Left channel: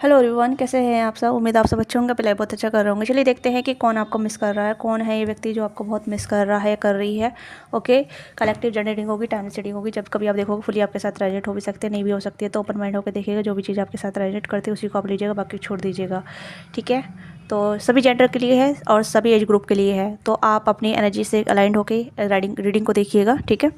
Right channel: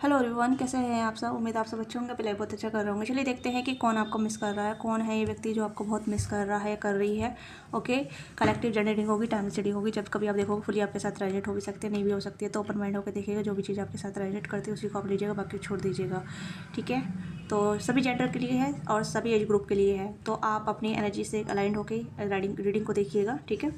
Hello everyone, कैसे हैं आप सब। उम्मीद आप सब अच्छे होंगे, पहले बहुत अच्छा कर रहे होंगे। चलिए देखते हैं कि कौन आपको मिस कर रहा है, कौन है ये व्यक्ति जो आपको बहुत मिस कर रहा है, कर रही है। ओके, कलेक्टिव जनरेटिंग होगी, टाइम स्टडी होगी। जब कभी आप देखोगे फुली आपके साथ रेजोनेट हो भी सकते हैं, नहीं भी हो सकती है, तो ओपन माइंड होकर देखिएगा। जो भी चीज़ आपके साथ रेजोनेट करती है उसी को आप लीजिएगा, बाकी छोड़ दीजिएगा। ठीक है, तो सभी जेंडर के लिए है और सभी एज ग्रुप के लिए है। तो आप अपनी एनर्जी से अलाइंड होकर रीडिंग को देखिएगा। ठीक है,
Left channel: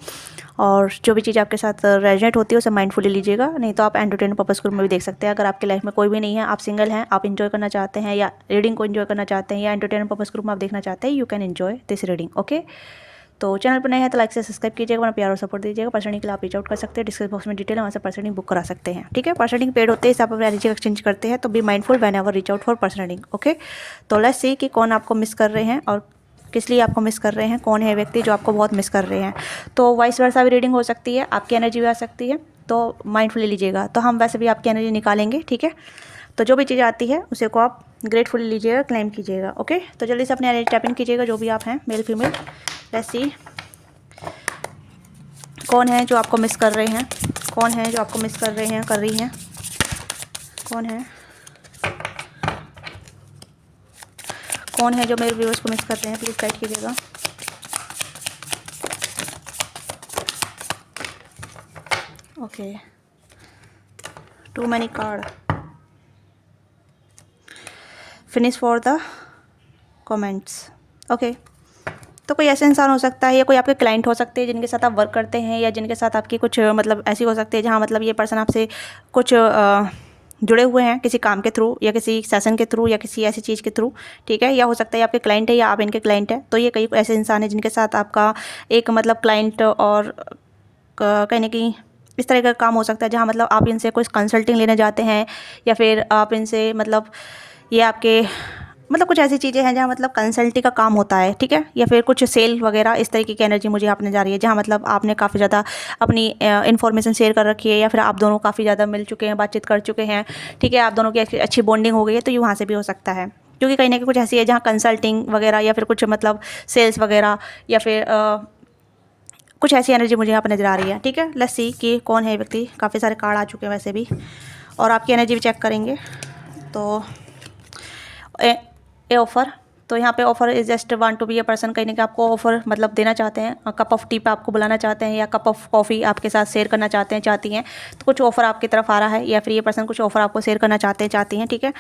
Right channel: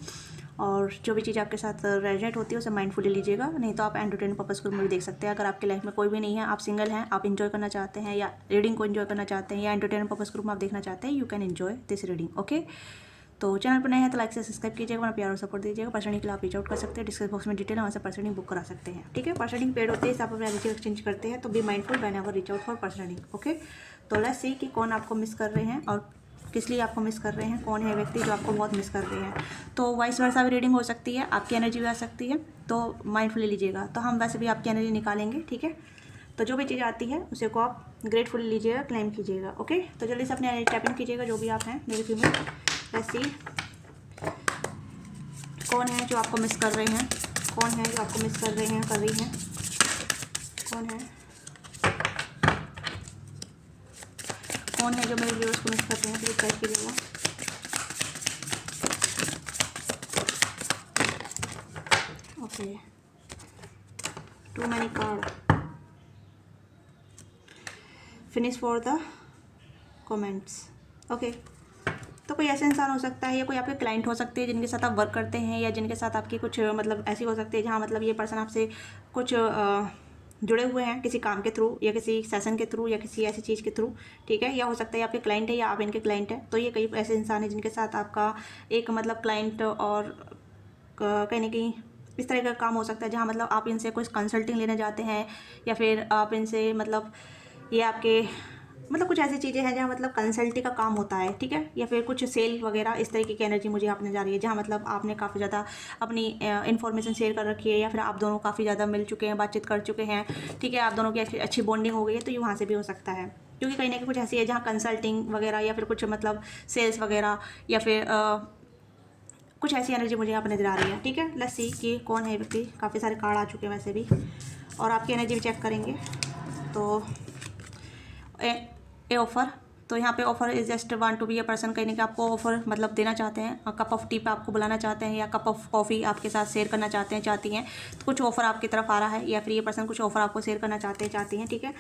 और जो भी चीज़ आपके साथ रेजोनेट होती है उसे माइंडफुली लीजिएगा, नहीं तो आप एंटरटेनमेंट पर्पस में भी देख सकते हैं। अगर आपकी लाइफ में कोई भी नहीं है, आप सिंगल हैं, आप इन्जॉय करना चाहते हैं या रीडिंग को इन्जॉय करना चाहते हैं या एंटरटेनमेंट पर्पस ग्रुप में आप देखना चाहते हैं, you can enjoy this reading. Okay, तो चैनल पर नए हैं तो लाइक से सब्सक्राइब कीजिएगा, अपना प्यार और सपोर्ट दीजिएगा। पर्सनिंग के लिए आप रीच आउट कर सकते हैं, डिस्क्रिप्शन बॉक्स में डिटेल है, वहाँ से पर्सनिंग बुक करा सकते हैं। ठीक है, पर्सनिंग पेड होते हैं, इस आप अपने एनर्जी एक्सचेंज करते हैं, तो be mindful whenever reach out for personing. Okay, तो लेट्स सी कि कौन आपको मिस कर रहे हैं और किस लिए आपको मिस कर रहे हैं, कौन है व्यक्ति जो आपको बहुत मिस कर रहे हैं। तो वाइस वर्सा भी रीडिंग हो सकती है, आपकी एनर्जी भी आ सकती है, तो माइंडफुली लीजिएगा। तो हम वैसे भी आपकी एनर्जी निकालेंगे। ठीक है, तो जो भी चीज़ आती है उसे को आप ग्रेटफुली लीजिएगा, क्लेम कीजिएगा। ओके, तो जल्दी से अपने एनर्जी टैप इन कीजिएगा, जो भी आप हैं, मेल फीमेल। लेट्स सी कौन है जो आपको मिस कर रहे हैं, कौन है जो आपको मिस कर रहे हैं, कर रही हैं, कौन है, कौन है जो मेरे व्यूअर्स को मिस कर रहे हैं, प्लीज़ टाइप कीजिएगा। Okay, too many card, finish for the comments. Okay, तो कोई ऐसा इंसान हो सकता है या कोई आपके क्लाइंट हो सकते हैं जिनके साथ आप वर्क करते हैं, या जिनके साथ आपकी कुछ मतलब ऐसी हो सकती है जहाँ मतलब ये पर्सन आपसे कुछ जुड़े हुए हैं किसी काम के थ्रू या किसी सेशन के थ्रू या किसी ऐसी चीज़ के थ्रू। ठीक है, या हो सकता है आपके क्लाइंट है या आप इनके क्लाइंट है। तो ये कई ऐसे इंसान हैं जिनके साथ आपका एक मतलब क्लाइंट और कहीं ना कहीं इस तरह का काम हो सकता है जहाँ मतलब आप इनसे कोई कंसल्टिंग लेने जाते हैं, या फिर आप इनसे मतलब ये आपके मतलब कुछ ऐसी चीज़ें हैं जहाँ मतलब कंसल्टिंग का काम होता है। ठीक है, या फिर कुछ सेल वगैरह, इस तरीके की एनर्जी मुझे आपने जा रही है जहाँ मतलब आपने काफ़ी ज़्यादा अपनी इन्फॉर्मेशन शेयर कर रखी है, या फिर आप दोनों काफ़ी ज़्यादा मिल चुके हैं, बातचीत कर चुके हैं। ठीक है, आप दोनों की अच्छी बॉन्डिंग हो गई है, तो ये वहाँ से भी हो सकता है, क्योंकि कहीं ना कहीं कुछ ऐसी है जहाँ कंसल्टिंग वगैरह या फिर कुछ मतलब सेल्स वगैरह या फिर कुछ ऐसी एनर्जी मुझे यहाँ पर नजर आ रही है। ठीक है, लेट्स सी कि कौन है व्यक्ति। काफ़ी सारे कार्ड आ चुके हैं वैसे भी, और आपकी एनर्जी भी चेक करेंगे। तो ए ऑफ़र, तो यहाँ पे offer is just want to be a person, कहीं ना कहीं आपको ऑफ़र मतलब देना चाहते हैं, कप ऑफ टी पे आपको बुलाना चाहते हैं, या कप ऑफ कॉफ़ी आपके साथ शेयर करना चाहते हैं, चाहती हैं। तो कुछ ऑफ़र आपकी तरफ आ रहा है, या फिर ये पर्सन कुछ ऑफ़र आपको शेयर करना चाहते हैं, चाहती हैं। ठीक है,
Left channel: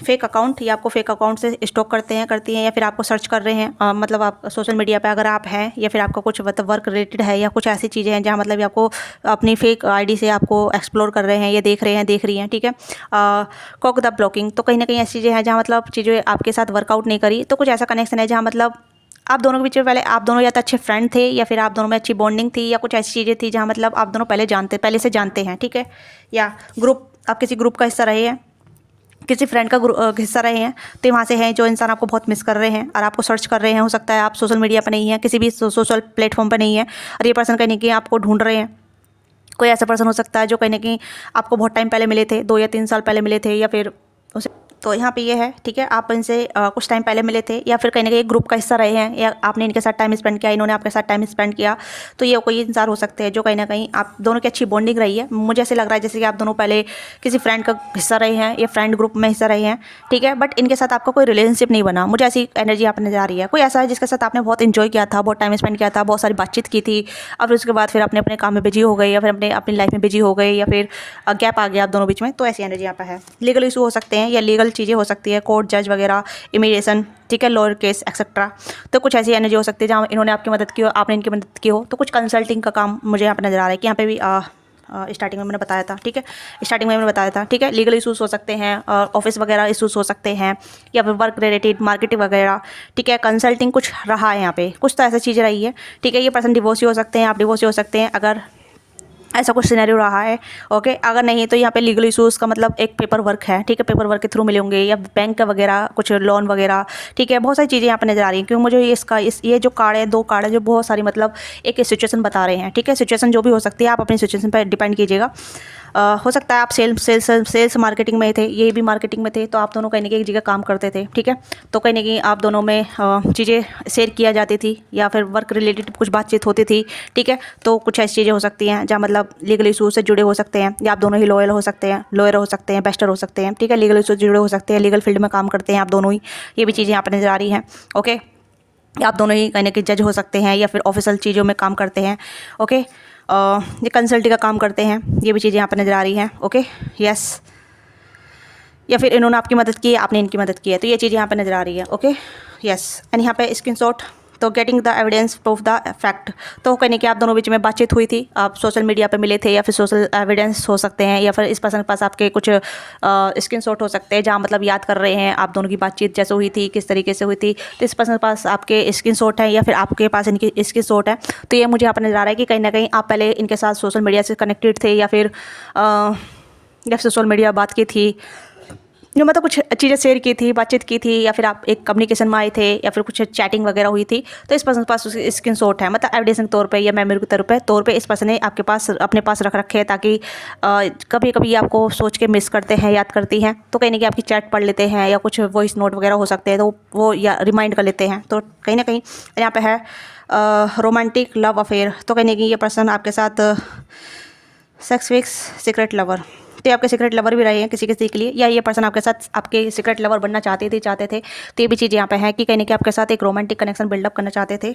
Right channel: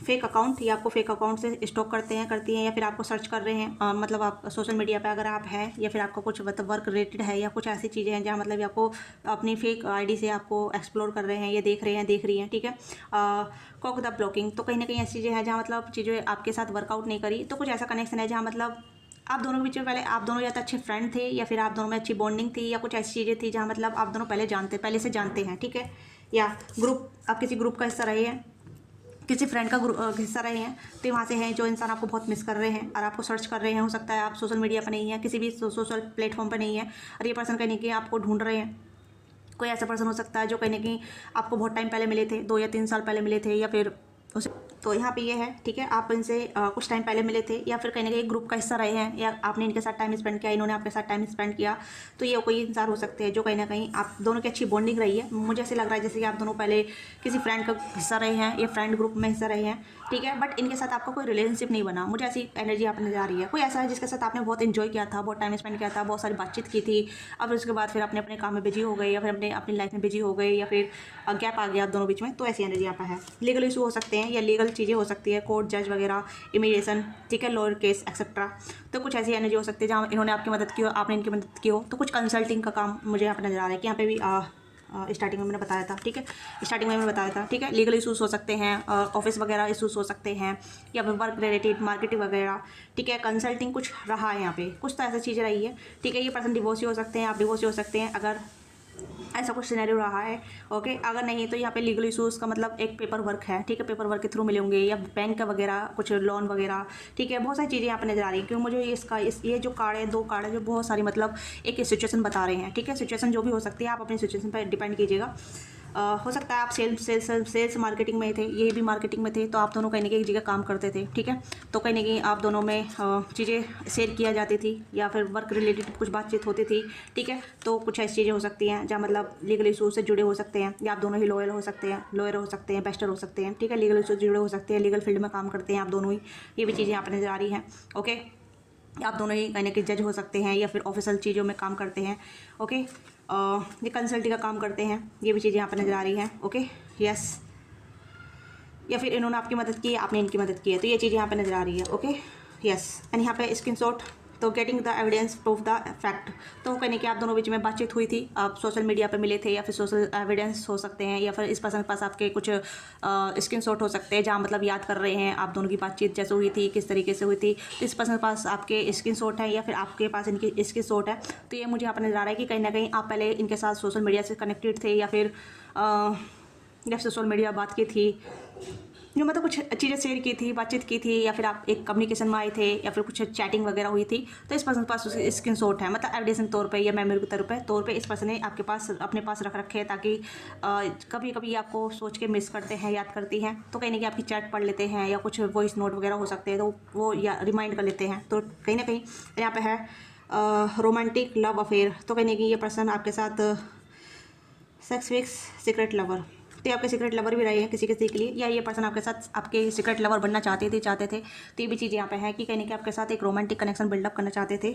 फेक अकाउंट, या आपको फेक अकाउंट से स्टॉक करते हैं, करती हैं, या फिर आपको सर्च कर रहे हैं मतलब आप सोशल मीडिया पे अगर आप हैं, या फिर आपका कुछ मतलब वर्क रिलेटेड है, या कुछ ऐसी चीज़ें हैं जहाँ मतलब ये आपको अपनी फेक आईडी से आपको एक्सप्लोर कर रहे हैं, या देख रहे हैं, देख रही हैं। ठीक है, कॉक द ब्लॉकिंग, तो कहीं ना कहीं ऐसी चीज़ें हैं जहाँ मतलब चीज़ें आपके साथ वर्कआउट नहीं करी। तो कुछ ऐसा कनेक्शन है जहाँ मतलब आप दोनों के बीच में पहले आप दोनों या तो अच्छे फ्रेंड थे, या फिर आप दोनों में अच्छी बॉन्डिंग थी, या कुछ ऐसी चीज़ें थी जहाँ मतलब आप दोनों पहले से जानते हैं। ठीक है, या ग्रुप, आप किसी ग्रुप का हिस्सा रहे हैं, किसी फ्रेंड का हिस्सा रहे हैं, तो वहाँ से हैं जो इंसान आपको बहुत मिस कर रहे हैं और आपको सर्च कर रहे हैं। हो सकता है आप सोशल मीडिया पर नहीं हैं, किसी भी सोशल प्लेटफॉर्म पर नहीं है, और ये पर्सन कहीं ना कहीं आपको ढूंढ रहे हैं। कोई ऐसा पर्सन हो सकता है जो कहीं ना कहीं आपको बहुत टाइम पहले मिले थे, 2 या 3 साल पहले मिले थे, या फिर उसे, तो यहाँ पे ये है। ठीक है, आप इनसे कुछ टाइम पहले मिले थे, या फिर कहीं ना कहीं एक ग्रुप का हिस्सा रहे हैं, या आपने इनके साथ टाइम स्पेंड किया, इन्होंने आपके साथ टाइम स्पेंड किया। तो ये कोई इंसान हो सकते हैं जो कहीं ना कहीं आप दोनों की अच्छी बॉन्डिंग रही है। मुझे ऐसे लग रहा है जैसे कि आप दोनों पहले किसी फ्रेंड का हिस्सा रहे हैं, या फ्रेंड ग्रुप में हिस्सा रहे हैं। ठीक है, बट इनके साथ आपका कोई रिलेशनशिप नहीं बना। मुझे ऐसी एनर्जी यहाँ पर नजर आ रही है। कोई ऐसा है जिसके साथ आपने बहुत इन्जॉय किया था, बहुत टाइम स्पेंड किया था, बहुत सारी बातचीत की थी, अब उसके बाद फिर अपने अपने काम में बिजी हो गए, या फिर अपने अपनी लाइफ में बिजी हो गए, या फिर गैप आ गया आप दोनों बीच में। तो ऐसी एनर्जी यहाँ पर है। लीगल इशू हो सकते हैं, या लीगल चीज़ें हो सकती है, कोर्ट जज वगैरह, इमिग्रेशन, ठीक है, लॉयर केस एक्सेट्रा। तो कुछ ऐसी एनर्जी हो सकती है जहाँ इन्होंने आपकी मदद की हो, आपने इनकी मदद की हो। तो कुछ कंसल्टिंग का काम मुझे यहाँ पर नजर आ रहा है कि यहाँ पे भी स्टार्टिंग में मैंने बताया था। ठीक है, स्टार्टिंग में मैंने बताया था। ठीक है, लीगल इशूज़ हो सकते हैं, ऑफिस वगैरह इशूज़ हो सकते हैं, या फिर वर्क रिलेटेड मार्केटिंग वगैरह। ठीक है, कंसल्टिंग कुछ रहा है यहाँ पे, कुछ तो ऐसी चीज़ें रही है। ठीक है, ये पर्सन डिवोर्स हो सकते हैं, आप डिवोर्स हो सकते हैं, अगर ऐसा कुछ सिनेरियो रहा है। ओके, अगर नहीं तो यहाँ पे लीगल इशूज़ का मतलब एक पेपर वर्क है। ठीक है, पेपर वर्क के थ्रू मिले होंगे, या बैंक का वगैरह कुछ लोन वगैरह। ठीक है, बहुत सारी चीज़ें यहाँ पे नजर आ रही हैं, क्योंकि मुझे ये जो कार्ड है, 2 कार्ड है, जो बहुत सारी मतलब एक सिचुएशन बता रहे हैं। ठीक है, सिचुएशन जो भी हो सकती है, आप अपनी सिचुएशन पर डिपेंड कीजिएगा। हो सकता है आप सेल्स मार्केटिंग में थे, ये भी मार्केटिंग में थे, तो आप दोनों कहीं ना कहीं एक जगह काम करते थे, ठीक है। तो कहीं ना कहीं आप दोनों में चीज़ें शेयर किया जाती थी या फिर वर्क रिलेटेड कुछ बातचीत होती थी, ठीक है। तो कुछ ऐसी चीज़ें हो सकती हैं जहाँ मतलब लीगल इशूज़ से जुड़े हो सकते हैं, या आप दोनों ही लॉयर हो सकते हैं, बेस्टर हो सकते हैं, ठीक है। लीगल इशूज़ जुड़े हो सकते हैं, लीगल फील्ड में काम करते हैं आप दोनों ही, ये भी चीज़ें यहाँ पर नज़र आ रही हैं, ओके। आप दोनों ही कहीं ना कहीं जज हो सकते हैं या फिर ऑफिशियल चीज़ों में काम करते हैं, ओके। ये कंसल्टिंग का काम करते हैं, ये भी चीज़ें यहाँ पर नज़र आ रही हैं, ओके, यस। या फिर इन्होंने आपकी मदद की है, आपने इनकी मदद की है, तो ये चीज़ यहाँ पे नज़र आ रही है, ओके, यस। एंड यहाँ पे स्क्रीनशॉट, तो getting the evidence proof the fact, तो कहने कि आप दोनों बीच में बातचीत हुई थी, आप सोशल मीडिया पे मिले थे, या फिर सोशल एविडेंस हो सकते हैं, या फिर इस पर्सन के पास आपके कुछ स्क्रीनशॉट हो सकते हैं जहाँ मतलब याद कर रहे हैं आप दोनों की बातचीत जैसे हुई थी, किस तरीके से हुई थी। तो इस पर्सन के पास आपके स्क्रीनशॉट है या फिर आपके पास इनकी स्क्रीनशॉट है, तो ये मुझे यहाँ पर नज़र आ रहा है कि कहीं ना कहीं आप पहले इनके साथ सोशल मीडिया से कनेक्टेड थे, या फिर सोशल मीडिया बात की थी, जो मतलब कुछ चीज़ें शेयर की थी, बातचीत की थी, या फिर आप एक कम्युनिकेशन में आए थे, या फिर कुछ चैटिंग वगैरह हुई थी। तो इस पर्सन के पास उसकी स्क्रीनशॉट है, मतलब एविडेंस के तौर पे या मेमोरी के तौर पे इस पर्सन ने आपके पास अपने पास रख रखे हैं, ताकि कभी कभी आपको सोच के मिस करते हैं, याद करती हैं, तो कहीं ना कहीं आपकी चैट पढ़ लेते हैं, या कुछ वॉइस नोट वगैरह हो सकते हैं, तो वो या रिमाइंड कर लेते हैं। तो कहीं ना कहीं यहाँ पे है रोमांटिक लव अफेयर, तो कहीं ना कहीं ये पर्सन आपके साथ सेक्स विक्स सीक्रेट लवर, तो ये आपके सीक्रेट लवर भी रहे हैं किसी किसी के लिए, या ये पर्सन आपके साथ आपके सीक्रेट लवर बनना चाहते थे। तो ये भी चीज़ यहाँ पे है कि कहीं ना कहीं आपके साथ एक रोमांटिक कनेक्शन बिल्डअप करना चाहते थे,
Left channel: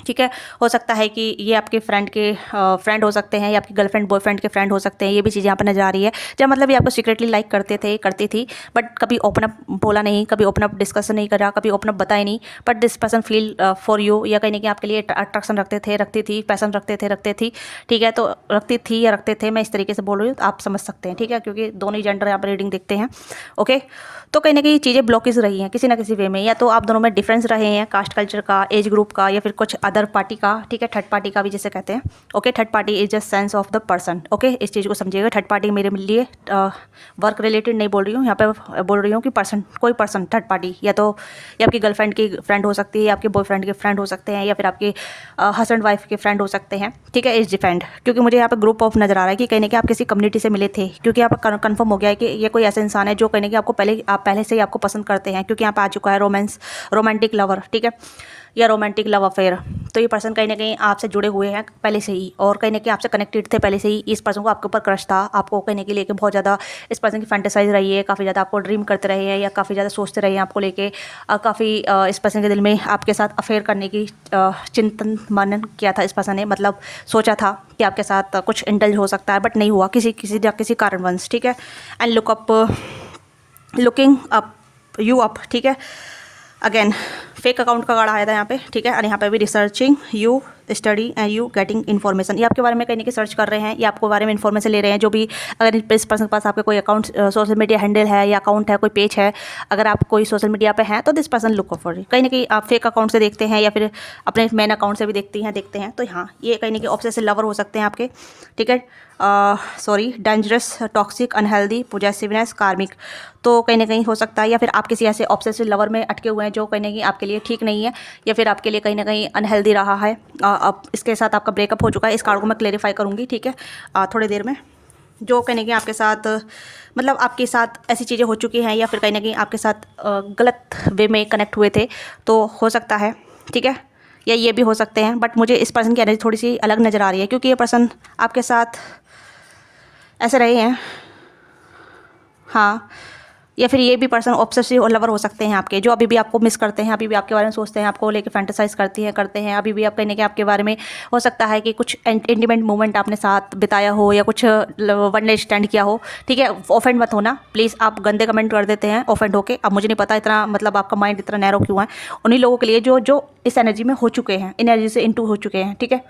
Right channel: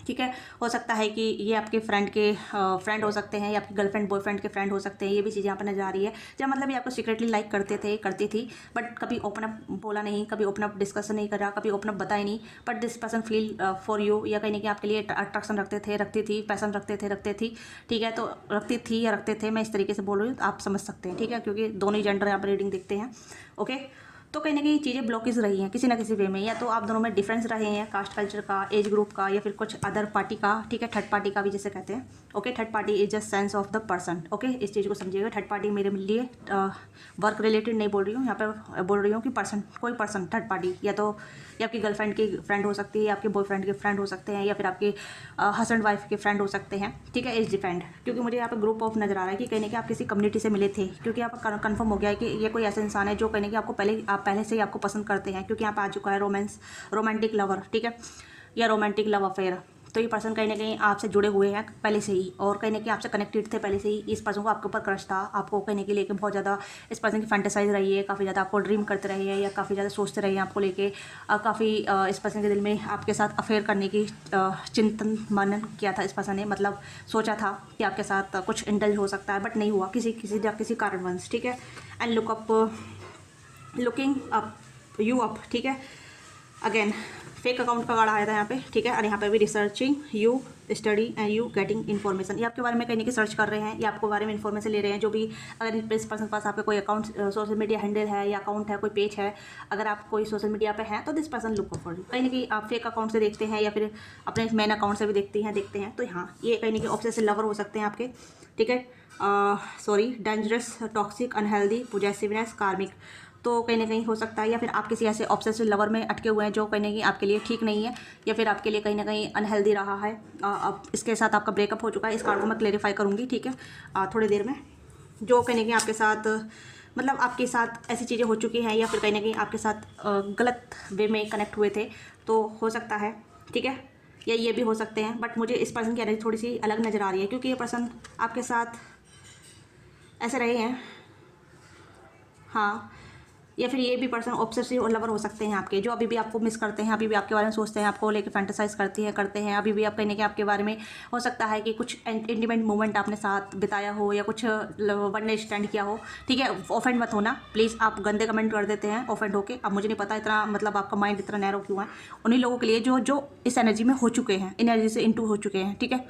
ठीक है। हो सकता है कि ये आपके फ्रेंड हो सकते हैं, या आपकी गर्लफ्रेंड बॉयफ्रेंड के फ्रेंड हो सकते हैं, ये भी चीज़ यहाँ पर नजर आ रही है। जब मतलब ये आपको सीक्रेटली लाइक करती थी, बट कभी ओपन अप बोला नहीं, कभी ओपन अप डिस्कशन नहीं करा, कभी ओपन अप बताया नहीं, but this person feel for you, या कहीं ना कहीं आपके लिए अट्रैक्शन रखती थी, पैसन रखते थी, ठीक है। तो रखती थी या रखते थे, मैं इस तरीके से बोल रही हूँ, तो आप समझ सकते हैं, ठीक है, क्योंकि दोनों ही जेंडर यहाँ पर रीडिंग देखते हैं, ओके। तो कहीं ना कहीं चीज़ें ब्लॉकेज रही हैं किसी ना किसी वे में, या तो आप दोनों में डिफरेंस रहे हैं, कास्ट कल्चर का, एज ग्रुप का, या फिर कुछ अदर पार्टी का, ठीक है, थर्ड पार्टी का भी जिसे कहते हैं, okay. Third party is just sense of the person, okay, इस चीज़ को समझिएगा। थर्ड पार्टी मेरे लिए वर्क रिलेटेड नहीं बोल रही हूँ, यहाँ पे बोल रही हूँ कि कोई पर्सन थर्ड पार्टी, या तो ये आपकी गर्लफ्रेंड की फ्रेंड हो सकती है, या आपके बॉयफ्रेंड के फ्रेंड हो सकते हैं, या फिर आपके हस्बैंड वाइफ के फ्रेंड हो सकते हैं, ठीक है, इज डिफेंड। क्योंकि मुझे यहाँ पे ग्रुप ऑफ नजर आ रहा है कि कहीं ना कहीं आप किसी कम्युनिटी से मिले थे, क्योंकि यहाँ पर कन्फर्म हो गया है कि ये कोई ऐसा इंसान है जो कहीं ना कहीं आपको पहले से ही आपको पसंद करते हैं, क्योंकि यहाँ पे आ चुका है रोमांटिक लवर, ठीक है, या रोमांटिक लव अफेयर। तो ये पर्सन कहीं ना कहीं आपसे जुड़े हुए हैं पहले से ही, और कहीं ना कहीं आपसे कनेक्टेड थे पहले से ही। इस पर्सन को आपके ऊपर क्रश था, आपको कहीं ना कहीं लेके बहुत ज़्यादा इस पर्सन की फैंटेसाइज रही है, काफ़ी ज़्यादा आपको ड्रीम करते रहे हैं, या काफ़ी ज़्यादा सोचते रहे हैं आपको लेके, काफ़ी इस पर्सन के दिल में आपके साथ अफेयर करने की चिंतन मनन किया था इस पर्सन ने, मतलब सोचा था कि आपके साथ कुछ इंडल्ज हो सकता है, बट नहीं हुआ किसी कारणवश, ठीक है। And looking up you up, ठीक है। अगेन फेक अकाउंट का कार्ड आया था यहाँ पे, ठीक है। और यहाँ पे भी researching you study and you getting information, ये आपके बारे में कहीं ना कहीं सर्च कर रहे हैं, या आपके बारे में इन्फॉर्मेशन ले रहे हैं, जो भी अगर इस पर्सन के पास आपके कोई अकाउंट सोशल मीडिया हैंडल है, या अकाउंट है, कोई पेज है, अगर आप कोई सोशल मीडिया पे हैं, तो दिस पर्सन लुक फॉर, कहीं ना कहीं आप फेक अकाउंट से देखते हैं, या फिर अपने मेन अकाउंट से भी देखते हैं। तो हाँ, ये कहीं ना कहीं ऑब्सेसिव लवर हो सकते हैं आपके, ठीक है। डेंजरस, टॉक्सिक, अनहेल्दी, पॉजेसिवनेस, कार्मिक, तो कहीं ना कहीं हो सकता है, या फिर आप किसी ऐसे ऑब्सेसिव लवर में अटके हुए हैं जो कहीं ना कहीं आपके लिए ठीक नहीं है, या फिर आपके लिए कहीं ना कहीं अनहेल्दी रहा है। अब इसके साथ आपका ब्रेकअप हो चुका है, इस कार्ड को मैं क्लेरिफाई करूँगी, ठीक है, थोड़ी देर में। जो कहीं ना कहीं आपके साथ मतलब आपके साथ ऐसी चीज़ें हो चुकी हैं, या फिर कहीं ना कहीं आपके साथ गलत वे में कनेक्ट हुए थे, तो हो सकता है, ठीक है, या ये भी हो सकते हैं। बट मुझे इस पर्सन की एनर्जी थोड़ी सी अलग नज़र आ रही है, क्योंकि ये पर्सन आपके साथ ऐसे रहे हैं, हाँ। या फिर ये भी पर्सन ऑब्सेसिव और लवर हो सकते हैं आपके, जो अभी भी आपको मिस करते हैं, अभी भी आपके बारे में सोचते हैं, आपको लेके फैंटेसाइज करते हैं, अभी भी आप कहने के आपके बारे में हो सकता है कि कुछ इंटीमेट मोमेंट आपने साथ बिताया हो, या कुछ वन नाइट स्टैंड किया हो, ठीक है। ऑफेंड मत होना प्लीज़, आप गंदे कमेंट कर देते हैं ऑफेंड होके। अब मुझे नहीं पता इतना मतलब आपका माइंड इतना नैरो क्यों है, उन्हीं लोगों के लिए जो इस एनर्जी में हो चुके हैं, एनर्जी से इंटू हो चुके हैं, ठीक है,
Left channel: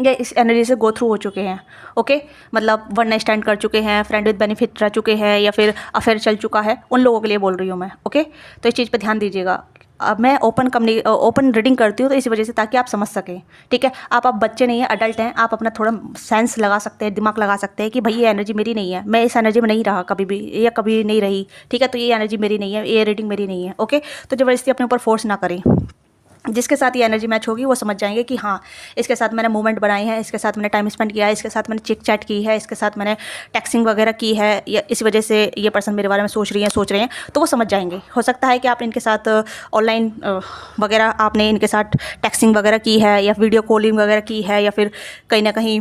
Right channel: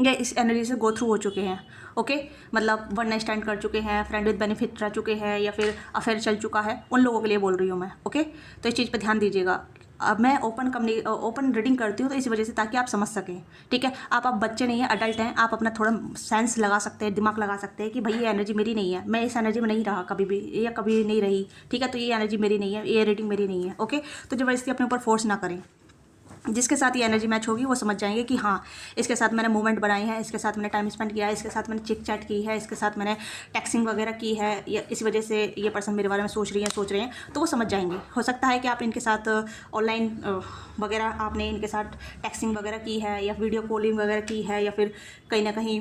या इस एनर्जी से गो थ्रू हो चुके हैं, ओके। मतलब वन नाइट स्टैंड कर चुके हैं, फ्रेंड विद बेनिफिट रह चुके हैं, या फिर अफेयर चल चुका है, उन लोगों के लिए बोल रही हूँ मैं, ओके। तो इस चीज़ पे ध्यान दीजिएगा। अब मैं ओपन रीडिंग करती हूँ तो इसी वजह से, ताकि आप समझ सकें, ठीक है। आप बच्चे नहीं हैं, अडल्ट हैं, आप अपना थोड़ा सेंस लगा सकते हैं, दिमाग लगा सकते हैं कि भाई ये एनर्जी मेरी नहीं है, मैं इस एनर्जी में नहीं रहा कभी भी, या कभी नहीं रही, ठीक है। तो ये एनर्जी मेरी नहीं है, ये रीडिंग मेरी नहीं है, ओके। तो ज़बरदस्ती अपने ऊपर फोर्स ना करें, जिसके साथ ये एनर्जी मैच होगी वो समझ जाएंगे कि हाँ, इसके साथ मैंने मूवमेंट बनाई है, इसके साथ मैंने टाइम स्पेंड किया है, इसके साथ मैंने चिट चैट की है, इसके साथ मैंने टेक्सिंग वगैरह की है, या इस वजह से ये पर्सन मेरे बारे में सोच रहे हैं, तो वो समझ जाएंगे। हो सकता है कि आप इनके साथ ऑनलाइन वगैरह आपने इनके साथ टेक्सिंग वगैरह की है, या वीडियो कॉलिंग वगैरह की है, या फिर कहीं ना कहीं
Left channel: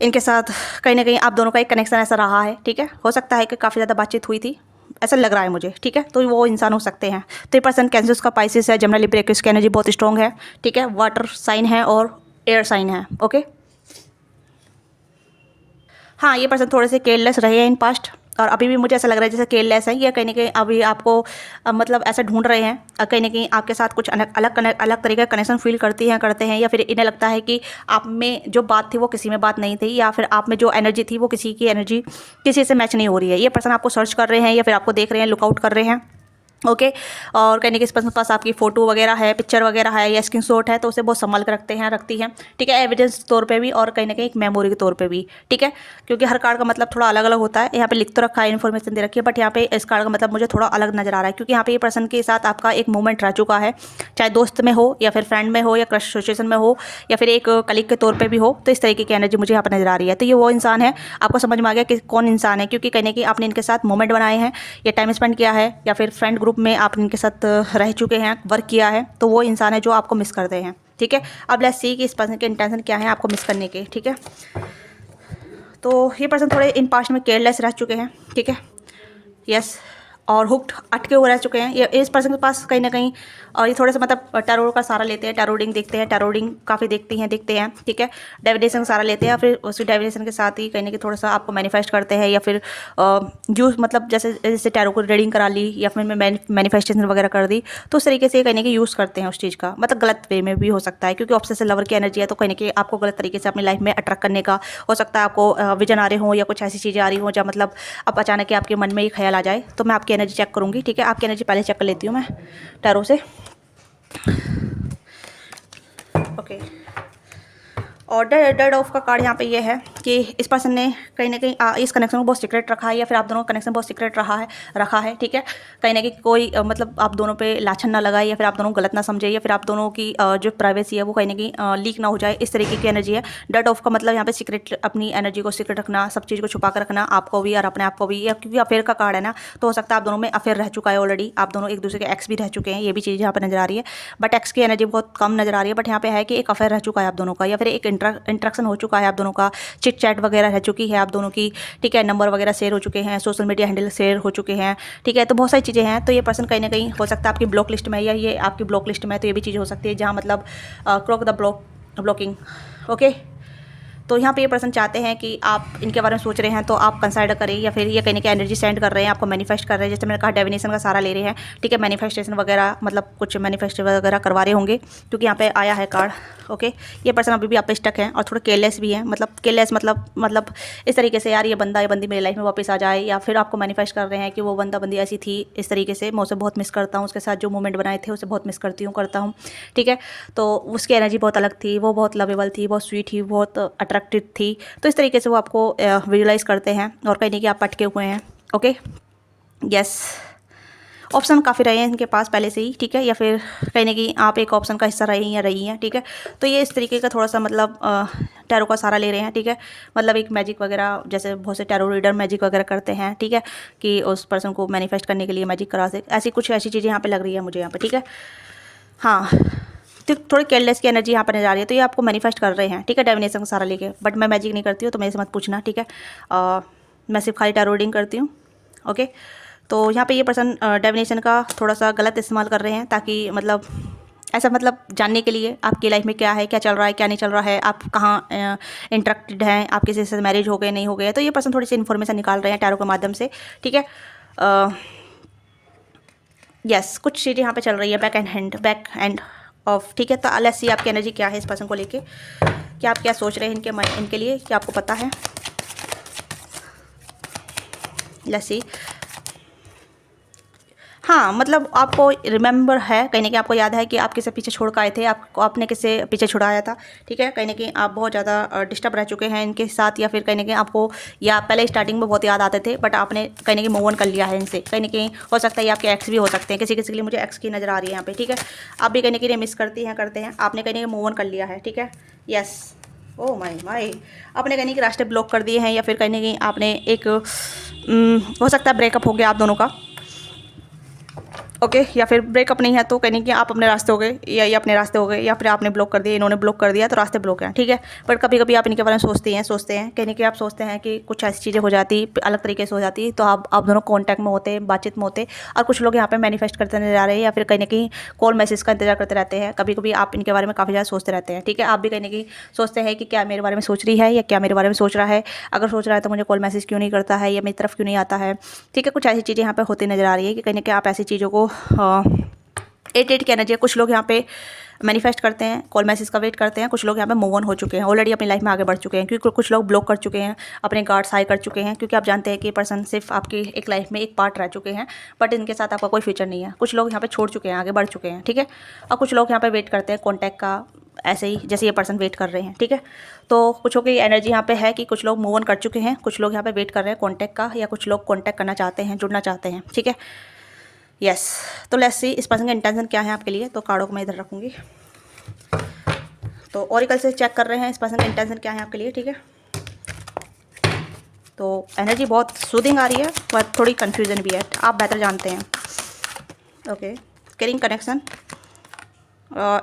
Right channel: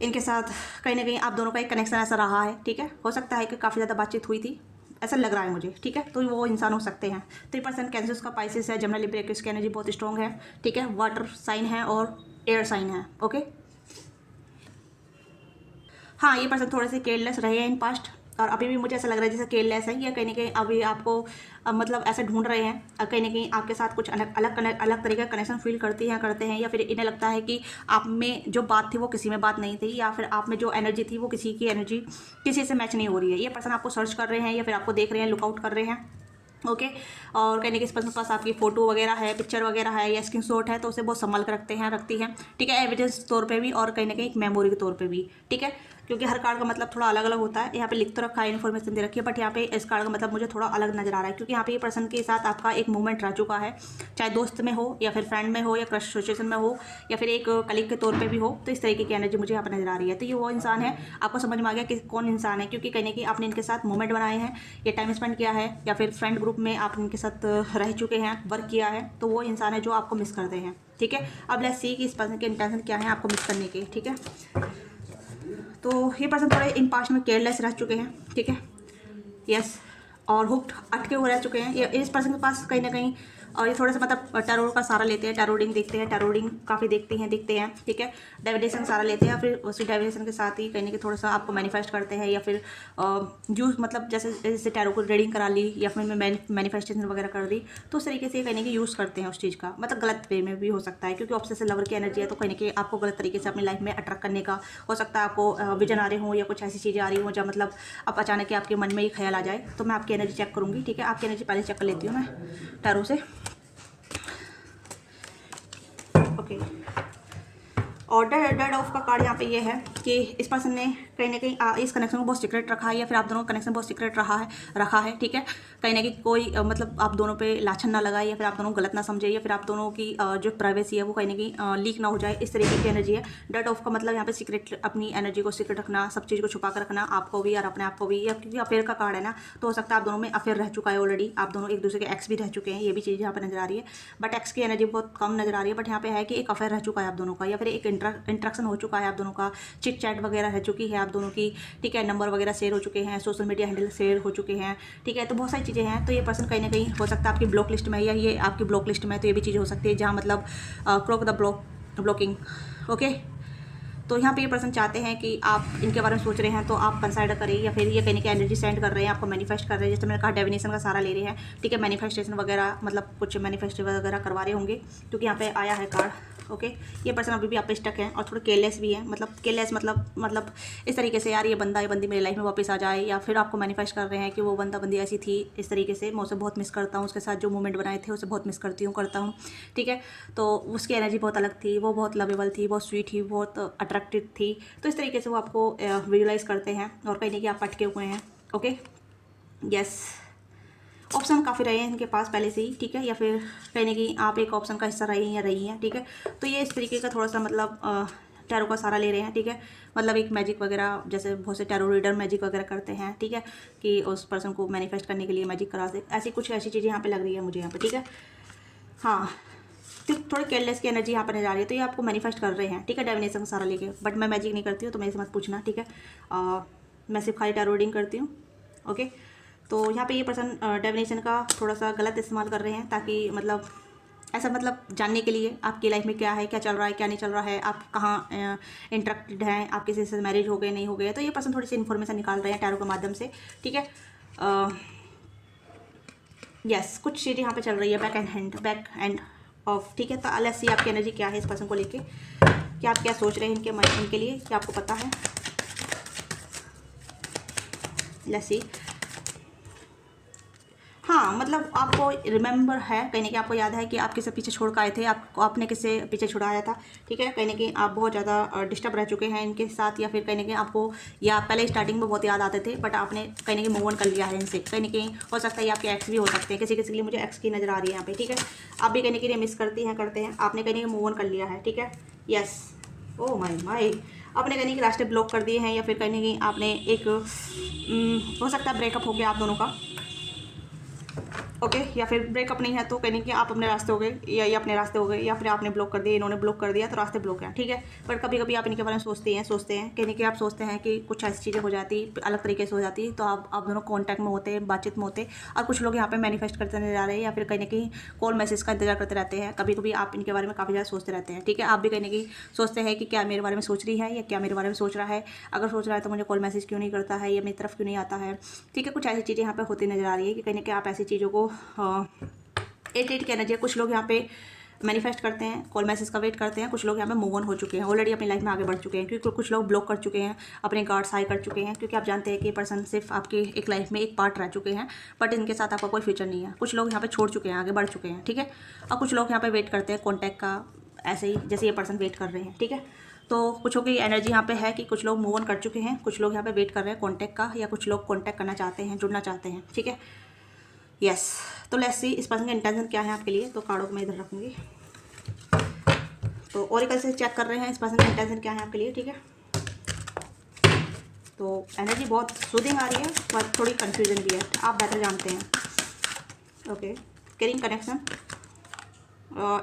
इनके साथ कहीं ना कहीं आप दोनों का एक कनेक्शन ऐसा रहा है। ठीक है, हो सकता है कि काफ़ी ज़्यादा बातचीत हुई थी, ऐसा लग रहा है मुझे। ठीक है, तो वो इंसान हो सकते हैं। तो ये पर्सन कैंसर का पाइसेस है, जमुना लिब्रा एक्वेरियस की एनर्जी बहुत स्ट्रॉन्ग है। ठीक है, वाटर साइन है और एयर साइन है। ओके, हाँ, ये पर्सन थोड़े से केयरलेस रहे हैं इन पास्ट, और अभी भी मुझे ऐसा लग रहा है जैसे केयरलेस है, या कहीं ना कहीं अभी आपको मतलब ऐसा ढूंढ रहे हैं, कहीं ना कहीं आपके साथ कुछ अलग तरीके का कनेक्शन फील करते हैं, या फिर इन्हें लगता है कि आप में जो बात थी वो किसी में बात नहीं थी, या फिर आप में जो एनर्जी थी वो किसी की एनर्जी किसी से मैच नहीं हो रही है। ये पर्सन आपको सर्च कर रहे हैं, या फिर आपको देख रहे हैं, लुकआउट कर रहे हैं। ओके, और कहीं ना किसी पर्सन के पास आपकी फ़ोटो वगैरह है, पिक्चर वगैरह है, या स्क्रीनशॉट है, तो उसे बहुत संभाल के रखती हैं। ठीक है, एविडेंस तौर पे भी, और कहीं ना कहीं एक मेमोरी के तौर पे भी। ठीक है, क्योंकि हर कार्ड का मतलब थोड़ा अलग अलग होता है। यहाँ पे लिख तो रखा है, इन्फॉर्मेशन दे रखी है, बट यहाँ पे इस कार्ड का मतलब मुझे थोड़ा अलग नजर आ रहा है, क्योंकि यहाँ पे ये पर्सन के साथ आपका एक मोमेंट रह चुका है, चाहे दोस्त में हो, या फिर फ्रेंड में हो, या क्रश सिचुएशन में हो, या फिर एक कलीग के तौर पर भी हो। तो इस तरीके की एनर्जी मुझे यहाँ पर नजर आ रही है। तो ये वो इंसान है, आपको समझ में आ गया कि कौन इंसान है, क्योंकि कहीं ना कहीं आपने इनके साथ मोमेंट बनाए हैं, या टाइम स्पेंड किया है, या फिर फ्रेंड ग्रुप में आप इनके साथ रह चुके हैं, वर्क किया है। तो वो इंसान है जो आपको मिस करते हैं। ठीक है, अब लेट्स सी कि इस पर्सन के इंटेंशन क्या है आपको मिस करने के। ठीक है, तो ये पर्सन थोड़े इन पास्ट में केयरलेस रह चुके हैं। ठीक है, यस, और हुक्ड अटके हुए रह चुके हैं। ये इस पर्सन के पास कहीं ना कहीं, और ये थोड़े से मतलब टैरो का सहारा लेते हैं, टैरो रीडिंग देखते हैं, टैरो रीडिंग काफ़ी देखते हैं। ठीक है, डिविनेशन का सहारा लेते हैं, फिर उसी डिविनेशन के साथ ही कहीं ना कहीं थोड़ा सा आपको मैनिफेस्ट करते हैं, या फिर जो मतलब जैसे जैसे टैरो को रीडिंग करा ली, या फिर मैं मैनिफेस्टेशन वगैरह कर दी, तो उस तरीके से कहीं ना कहीं यूज़ करते हैं उस चीज़ का, मतलब गलत वे में भी हो सकता है, क्योंकि ऑब्सेसिव लवर की एनर्जी है, तो कहीं ना कहीं आपको गलत तरीके से अपनी लाइफ में अट्रैक्ट करने का हो सकता है। आपको विजन आ रहे हो, या कुछ ऐसी चीज़ें आ रही हो, जब मतलब अब अचानक ही आपके मन में ही ख्याल आ जाए। तो मैं आपकी एनर्जी चेक करूँगी। ठीक है, आपकी एनर्जी पहले चेक कर लेती हूँ मैं टैरो से। ओके, और डेड ऑफ का कार्ड यहाँ पे ये है कि इस पर्सन ने कहीं ना कहीं इस कनेक्शन को बहुत सीक्रेट रखा है, या फिर आप दोनों का कनेक्शन बहुत सीक्रेट रखा है। ठीक है, कहीं ना कहीं कोई मतलब आप दोनों पे लाछन ना लगाए, या फिर आप दोनों गलत ना समझे, या फिर आप दोनों की जो प्राइवेसी है वो कहीं ना कहीं लीक ना हो जाए, इस तरीके की एनर्जी है। डेड ऑफ का मतलब यहाँ पे सीक्रेट, अपनी एनर्जी को सीक्रेट रखना, सब चीज़ को छुपा कर रखना, आपको भी और अपने आप को भी। या क्योंकि अफेयर का कार्ड है ना, तो हो सकता है आप दोनों में अफेयर रह चुका है ऑलरेडी, आप दोनों एक दूसरे के एक्स भी रह चुके हैं, ये भी चीज़ यहाँ पर नजर आ रही है। बट एक्स की एनर्जी बहुत कम नजर आ रही है, बट यहाँ पे है कि एक अफेयर रह चुका है आप दोनों का, या फिर एक इंट्रैक्शन हो चुका है आप दोनों का, चिट चैट वगैरह रह चुकी है आप दोनों की। ठीक है, नंबर वगैरह शेयर हो चुके हैं, सोशल मीडिया हैंडल शेयर हो चुके हैं। ठीक है, तो बहुत सारी चीज़ें हैं। तो ये पर्सन कहीं ना कहीं हो सकता है आपकी ब्लॉक लिस्ट में, या ये आपकी ब्लॉक लिस्ट में है, तो ये भी चीज़ हो सकती है, जहाँ मतलब क्रॉक द ब्लॉकिंग। ओके, तो यहाँ पे ये पर्सन चाहते हैं कि आप इनके बारे में सोच रहे हैं, तो आप कंसिडर करें, या फिर ये कहीं ना एनर्जी सेंड कर रहे हैं, आपको मैनिफेस्ट कर रहे हैं, जैसे मैंने कहा डिविनेशन का सहारा ले रहे हैं। ठीक है, मैनिफेस्टेशन वगैरह मतलब कुछ मैनिफेस्ट वगैरह करवा रहे होंगे, क्योंकि यहाँ पे आया है कार्ड। ओके, ये पर्सन अभी भी आप पे स्टक है, और थोड़ा केयरलेस भी है, मतलब केयरलेस मतलब इस तरीके से, यार ये बंदा या बंदी मेरी लाइफ में वापस आ जाए, या फिर आपको मैनिफेस्ट कर रहे हैं कि वो बंदा बंदी ऐसी थी, इस तरीके से मैं उसे बहुत मिस करता हूँ, उसके साथ जो मोमेंट बनाए थे उसे बहुत मिस करता हूँ। ठीक है, तो उसकी एनर्जी बहुत अलग थी, वो बहुत लवेबल थी, बहुत स्वीट थी, बहुत अट्रैक्टिव थी। तो इस तरीके से वो आपको विजुलाइज करते हैं, और कहीं नहीं कि आप अटके हुए हैं। ओके, यस, ऑप्शन काफ़ी रहे हैं इनके पास पहले से ही। ठीक है, या फिर कहीं ना कहीं आप एक ऑप्शन का हिस्सा रही हैं। ठीक है, तो ये इस तरीके का थोड़ा सा मतलब टैरो का सहारा ले रहे हैं। ठीक है, मतलब एक मैजिक वगैरह, जैसे बहुत से टैरो रीडर मैजिक वगैरह करते हैं। ठीक है, कि उस पर्सन को मैनिफेस्ट करने के लिए मैजिक करा से, ऐसी चीज़ें यहाँ पे लग रही है मुझे यहाँ पे। ठीक है, हाँ, तो थोड़ी केयरलेस की एनर्जी यहाँ पर नजर आ रही है, तो ये आपको मैनिफेस्ट कर रहे हैं। ठीक है, डिविनेशन का सहारा लेके, बट मैं मैजिक नहीं करती हूँ, तो मेरे से मत पूछना। ठीक है, मैं सिर्फ खाली टैरो रीडिंग करती हूँ। ओके, तो यहाँ पे ये पर्सन डिविनेशन का थोड़ा सा गलत इस्तेमाल कर रहे हैं, ताकि मतलब ऐसा मतलब जानने के लिए आपकी लाइफ में क्या है, क्या चल रहा है, क्या नहीं चल रहा है, आप कहाँ इंटरेक्टेड हैं, आप किसी से मैरिज हो गए नहीं हो गए, तो ये पर्सन थोड़ी सी इन्फॉर्मेशन निकाल रहे हैं टैरो के माध्यम से। ठीक है, यस, कुछ चीज़ें यहाँ पे चल रही है बैक एंड ऑफ। ठीक है, तो लेट्स सी आपकी एनर्जी क्या है इस पर्सन को लेके, कि आप क्या सोच रहे हैं इनके लिए, क्या आपको पता है। लेट्स सी, हाँ, मतलब आपको रिमेंबर है, कहीं न कहीं आपको याद है कि आप किसे पीछे छोड़ के आए थे, आपको आपने किसे पीछे छुड़ाया था, ठीक है? कहीं न कहीं आप बहुत ज़्यादा डिस्टर्ब रह चुके हैं इनके साथ, या फिर कहीं न कहीं आपको, या पहले स्टार्टिंग में बहुत याद आते थे, बट आपने कहीं न कहीं मूव ऑन कर लिया है इनसे। कहीं न कहीं हो सकता है ये आपके एक्स भी हो सकते हैं, किसी-किसी के लिए मुझे एक्स की नज़र आ रही है यहाँ पे, ठीक है? आप भी कहीं न कहीं मिस करती हैं, करते हैं, आपने कहीं न कहीं मूव ऑन कर लिया है, ठीक है? यस। Oh my my! आपने कहीं न कहीं रास्ते ब्लॉक कर दिए हैं, या फिर कहीं न कहीं आपने एक हो सकता है ब्रेकअप हो गया आप दोनों का, ओके, या फिर ब्रेकअप नहीं है तो कहीं कि आप अपने रास्ते हो गए, या ये अपने रास्ते हो गए, या फिर आपने ब्लॉक कर दिया, इन्होंने ब्लॉक कर दिया, तो रास्ते ब्लॉक हैं, ठीक है? बट कभी कभी आप इनके बारे में सोचते हैं कहीं कि आप सोचते हैं कि कुछ ऐसी चीज़ें हो जाती, अलग तरीके से हो जाती, तो आप दोनों कॉन्टैक्ट में होते हैं, बातचीत में होते। और कुछ लोग यहाँ पे मैनिफेस्ट करते नजर आ रहे हैं, या फिर कहीं ना कहीं कॉल मैसेज का इंतजार करते रहते हैं। कभी कभी आप इनके बारे में काफ़ी ज़्यादा सोचते रहते हैं, ठीक है? आप भी कहीं ना कहीं सोचते हैं कि क्या मेरे बारे में सोच रही है, या क्या मेरे बारे में सोच रहा है। अगर सोच रहा है तो मुझे कॉल मैसेज क्यों नहीं करता है, या मेरी तरफ क्यों नहीं आता है, ठीक है? कुछ ऐसी चीज़ें यहाँ पे होती नजर आ रही है कि कहीं ना कहीं आप ऐसी चीज़ों को 8 की एनर्जी है। कुछ लोग यहाँ पे मैनिफेस्ट करते हैं, कॉल मैसेज का वेट करते हैं। कुछ लोग यहाँ पे मूव ऑन हो चुके हैं, ऑलरेडी अपनी लाइफ में आगे बढ़ चुके हैं, क्योंकि कुछ लोग ब्लॉक कर चुके हैं, अपने गार्ड्स हाई कर चुके हैं, क्योंकि आप जानते हैं कि पर्सन सिर्फ आपकी एक लाइफ में एक पार्ट रह चुके हैं, बट इनके साथ आपका कोई फ्यूचर नहीं है। कुछ लोग यहाँ पे छोड़ चुके हैं, आगे बढ़ चुके हैं, ठीक है? और कुछ लोग यहाँ पे वेट करते हैं कॉन्टैक्ट का, ऐसे ही जैसे ये पर्सन वेट कर रहे हैं, ठीक है? तो कुछों की एनर्जी यहाँ पे है कि कुछ लोग मूव ऑन कर चुके हैं, कुछ लोग यहाँ पे वेट कर रहे हैं कॉन्टैक्ट का, या कुछ लोग कॉन्टैक्ट करना चाहते हैं, जुड़ना चाहते हैं, ठीक है? यस। तो लेट्स सी इस पर्सन का इंटेंशन क्या है आपके लिए। तो कार्डों को मैं इधर रखूँगी। तो ओरेकल से चेक कर रहे हैं इस पर्सन का इंटेंशन क्या है आपके लिए, ठीक है? तो एनर्जी बहुत सूदिंग आ रही है, पर थोड़ी कन्फ्यूजन भी है, आप बेहतर जानते हैं। Okay, caring connection,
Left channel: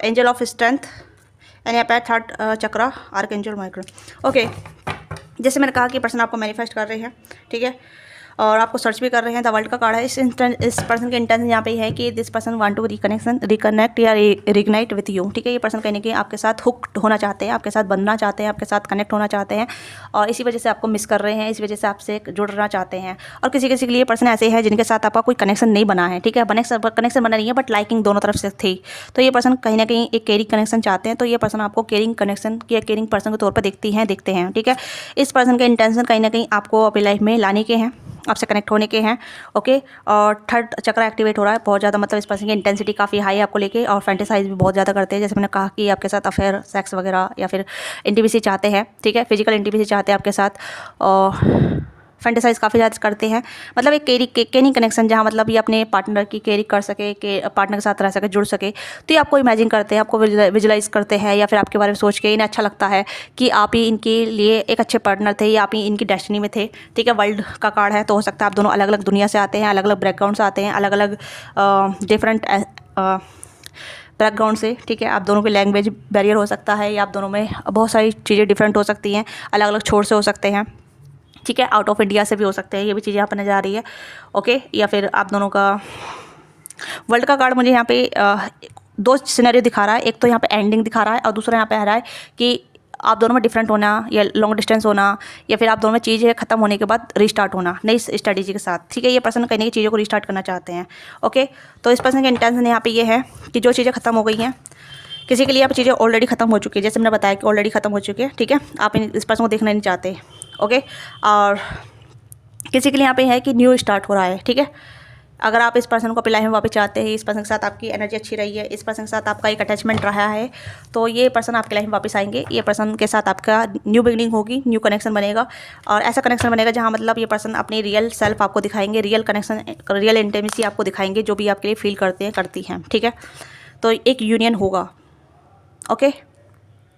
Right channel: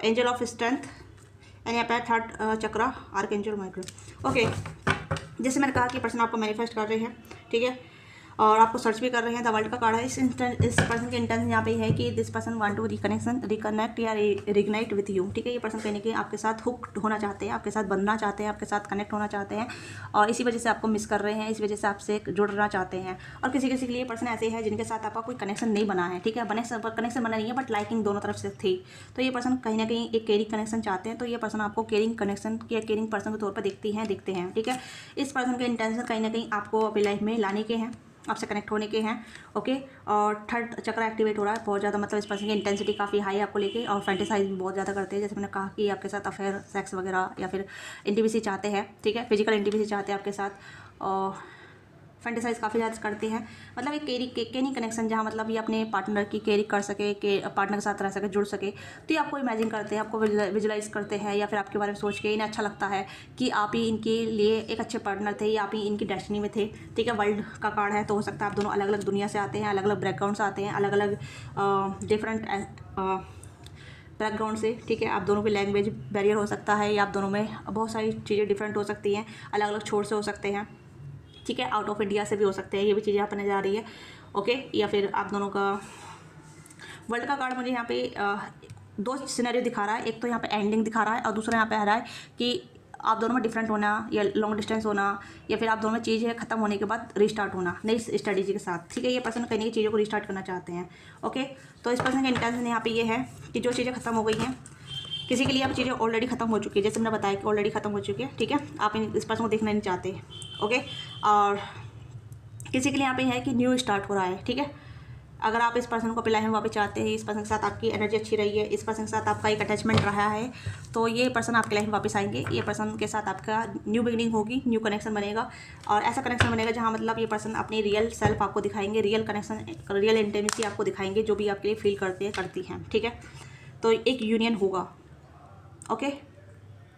angel of strength, and यहाँ पे थर्ड चक्रा, आर्कएंजल माइक्रो। ओके, जैसे मैंने कहा कि पर्सन आपको मैनिफेस्ट कर रहे हैं, ठीक है? और आपको सर्च भी कर रहे हैं। द वर्ल्ड का कार्ड है। इस पर्सन के इंटेंशन यहाँ पे है कि this person want to reconnect या रिग्नाइट विथ यू, ठीक है? ये पर्सन कहने के आपके साथ हुक्ड होना चाहते हैं, आपके साथ बनना चाहते हैं, आपके साथ कनेक्ट होना चाहते हैं, और इसी वजह से आपको मिस कर रहे हैं, इस वजह से आपसे जुड़ना चाहते हैं। और किसी किसी के लिए पर्सन ऐसे है जिनके साथ आपका कोई कनेक्शन नहीं बना है, ठीक है? कनेक्शन बना नहीं है, बट लाइकिंग दोनों तरफ से थी। तो ये पर्सन कहीं ना कहीं एक केयरिंग कनेक्शन चाहते हैं। तो ये पर्सन आपको केयरिंग कनेक्शन या केयरिंग पर्सन के तौर पर देखते हैं, ठीक है? इस पर्सन के इंटेंशन कहीं ना कहीं आपको अपनी लाइफ में लाने के हैं, आपसे कनेक्ट होने के हैं, ओके? और थर्ड चक्र एक्टिवेट हो रहा है बहुत ज़्यादा, मतलब इस पर्सन की इंटेंसिटी काफ़ी हाई है आपको लेके, और फैंटेसाइज भी बहुत ज़्यादा करते हैं। जैसे मैंने कहा कि आपके साथ अफेयर, सेक्स वगैरह, या फिर इंटीमेसी चाहते हैं, ठीक है? फिजिकल इंटीमेसी चाहते हैं आपके साथ, और फैंटेसाइज काफ़ी ज़्यादा करते हैं। मतलब एक केयरिंग कनेक्शन, जहाँ मतलब ये अपने पार्टनर की केयरिंग कर सके, के पार्टनर के साथ रह सके, जुड़ सके। तो ये आपको इमेजिन करते हैं, आपको विजुलाइज करते हैं, या फिर आपके बारे में सोच के इन्हें अच्छा लगता है कि आप ही इनके लिए एक अच्छे पार्टनर थे, या आप ही इनकी डेस्टिनी में थे, ठीक है? वर्ल्ड का कार्ड है, तो हो सकता है आप दोनों अलग अलग दुनिया से आते हैं, अलग अलग बैकग्राउंड से आते हैं, अलग अलग डिफरेंट बैकग्राउंड से, ठीक है? आप दोनों की लैंग्वेज बैरियर हो सकता है, या आप दोनों में बहुत सारी चीज़ें डिफरेंट हो सकती हैं, अलग अलग छोर से हो सकते हैं, ठीक है? आउट ऑफ इंडिया से भी हो सकते हैं, ये भी चीज़ यहाँ पर नजर आ रही है, ओके? या फिर आप दोनों का वर्ल्ड का कार्ड मुझे यहाँ पे दो सिनेरियो दिखा रहा है। एक तो यहाँ पे एंडिंग दिखा रहा है, और दूसरा यहाँ पे आ रहा है कि आप दोनों में डिफरेंट होना, या लॉन्ग डिस्टेंस होना, या फिर आप दोनों में चीज़ें खत्म होने के बाद रिस्टार्ट होना नई स्ट्रेटेजी के साथ, ठीक है? ये पर्सन कहीं की चीज़ों को रिस्टार्ट करना चाहते हैं, ओके? तो इस पर्सन का इंटेंशन यहाँ पे ये है कि जो चीज़ें खत्म हो गई हैं, किसी के लिए आप चीज़ें ऑलरेडी खत्म हो चुकी है, जैसे मैंने बताया कि ऑलरेडी खत्म हो चुकी है, ठीक है? आप इस पर्सन को देखना नहीं चाहते, ओके? और किसी के लिए यहाँ पे है कि न्यू स्टार्ट हो रहा है, ठीक है? अगर आप इस पर्सन को अपनी लाइफ में वापस चाहते हैं, इस पर्सन के साथ आपकी एनर्जी अच्छी रही है, इस पर्सन के साथ आपका एक अटैचमेंट रहा है, तो ये पर्सन आपकी लाइफ में वापस आएंगे। ये पर्सन के साथ आपका न्यू बिगनिंग होगी, न्यू कनेक्शन बनेगा, और ऐसा कनेक्शन बनेगा जहाँ मतलब ये पर्सन अपनी रियल सेल्फ आपको दिखाएंगे, रियल कनेक्शन, रियल इंटीमेसी आपको दिखाएंगे, जो भी आपके लिए फील करते हैं, करती हैं, ठीक है? तो एक यूनियन होगा, ओके?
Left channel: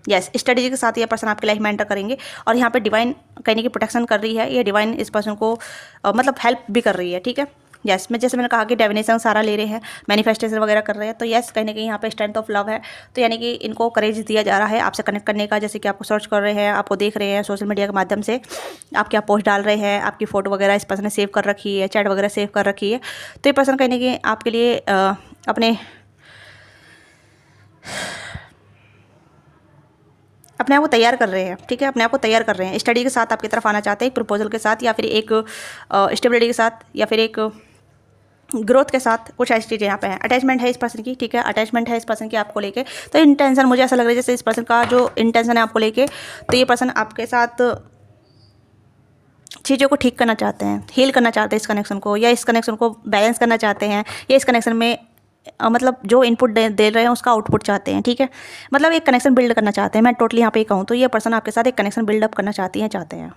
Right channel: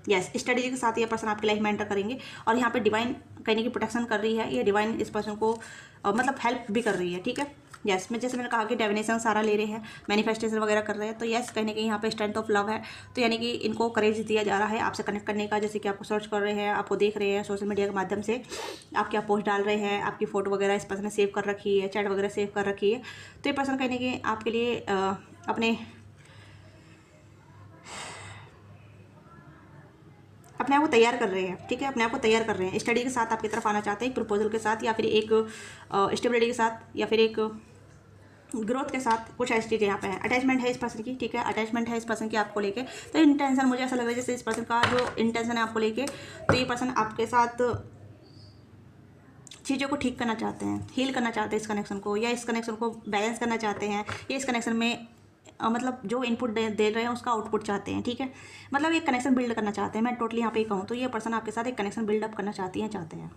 यस, स्ट्रेटेजी के साथ ये पर्सन आपकी लाइफ में एंटर करेंगे, और यहाँ पे डिवाइन कहने की प्रोटेक्शन कर रही है, ये डिवाइन इस पर्सन को मतलब हेल्प भी कर रही है, ठीक है? यस, जैसे मैंने कहा कि डेविनेशन सारा ले रहे हैं, मैनिफेस्टेशन वगैरह कर रहे हैं, तो यस, कहीं ना कहीं यहाँ पे स्ट्रेंथ ऑफ लव है। तो यानी कि इनको करेज दिया जा रहा है आपसे कनेक्ट करने का, जैसे कि आपको सर्च कर रहे हैं, आपको देख रहे हैं सोशल मीडिया के माध्यम से, आप क्या पोस्ट डाल रहे हैं, आपकी फ़ोटो वगैरह इस पर्सन ने सेव कर रखी है, चैट वगैरह सेव कर रखी है। तो ये पर्सन कहीं ना कहीं आपके लिए अपने आप को तैयार कर रहे हैं, ठीक है? अपने आप को तैयार कर रहे हैं, स्टडी के साथ आपकी तरफ आना चाहते हैं, एक प्रपोजल के साथ, या फिर एक स्टेबिलिटी के साथ, या फिर एक ग्रोथ के साथ। कुछ ऐसी चीज़ें यहाँ पे हैं। अटैचमेंट है इस पर्सन की, ठीक है? अटैचमेंट है इस पर्सन की आपको लेके। तो इंटेंशन मुझे ऐसा लग रहा है जैसे इस पर्सन का जो इंटेंशन है आपको लेके, तो ये पर्सन आपके साथ चीज़ों को ठीक करना चाहते हैं, हील करना चाहते हैं इस कनेक्शन को, या इस कनेक्शन को बैलेंस करना चाहते हैं, या इस कनेक्शन में मतलब जो इनपुट दे रहे हैं उसका आउटपुट चाहते हैं, ठीक है। मतलब एक कनेक्शन बिल्ड करना चाहते हैं। मैं टोटली यहाँ पे कहूँ तो ये पर्सन आपके साथ एक कनेक्शन बिल्डअप करना चाहते हैं।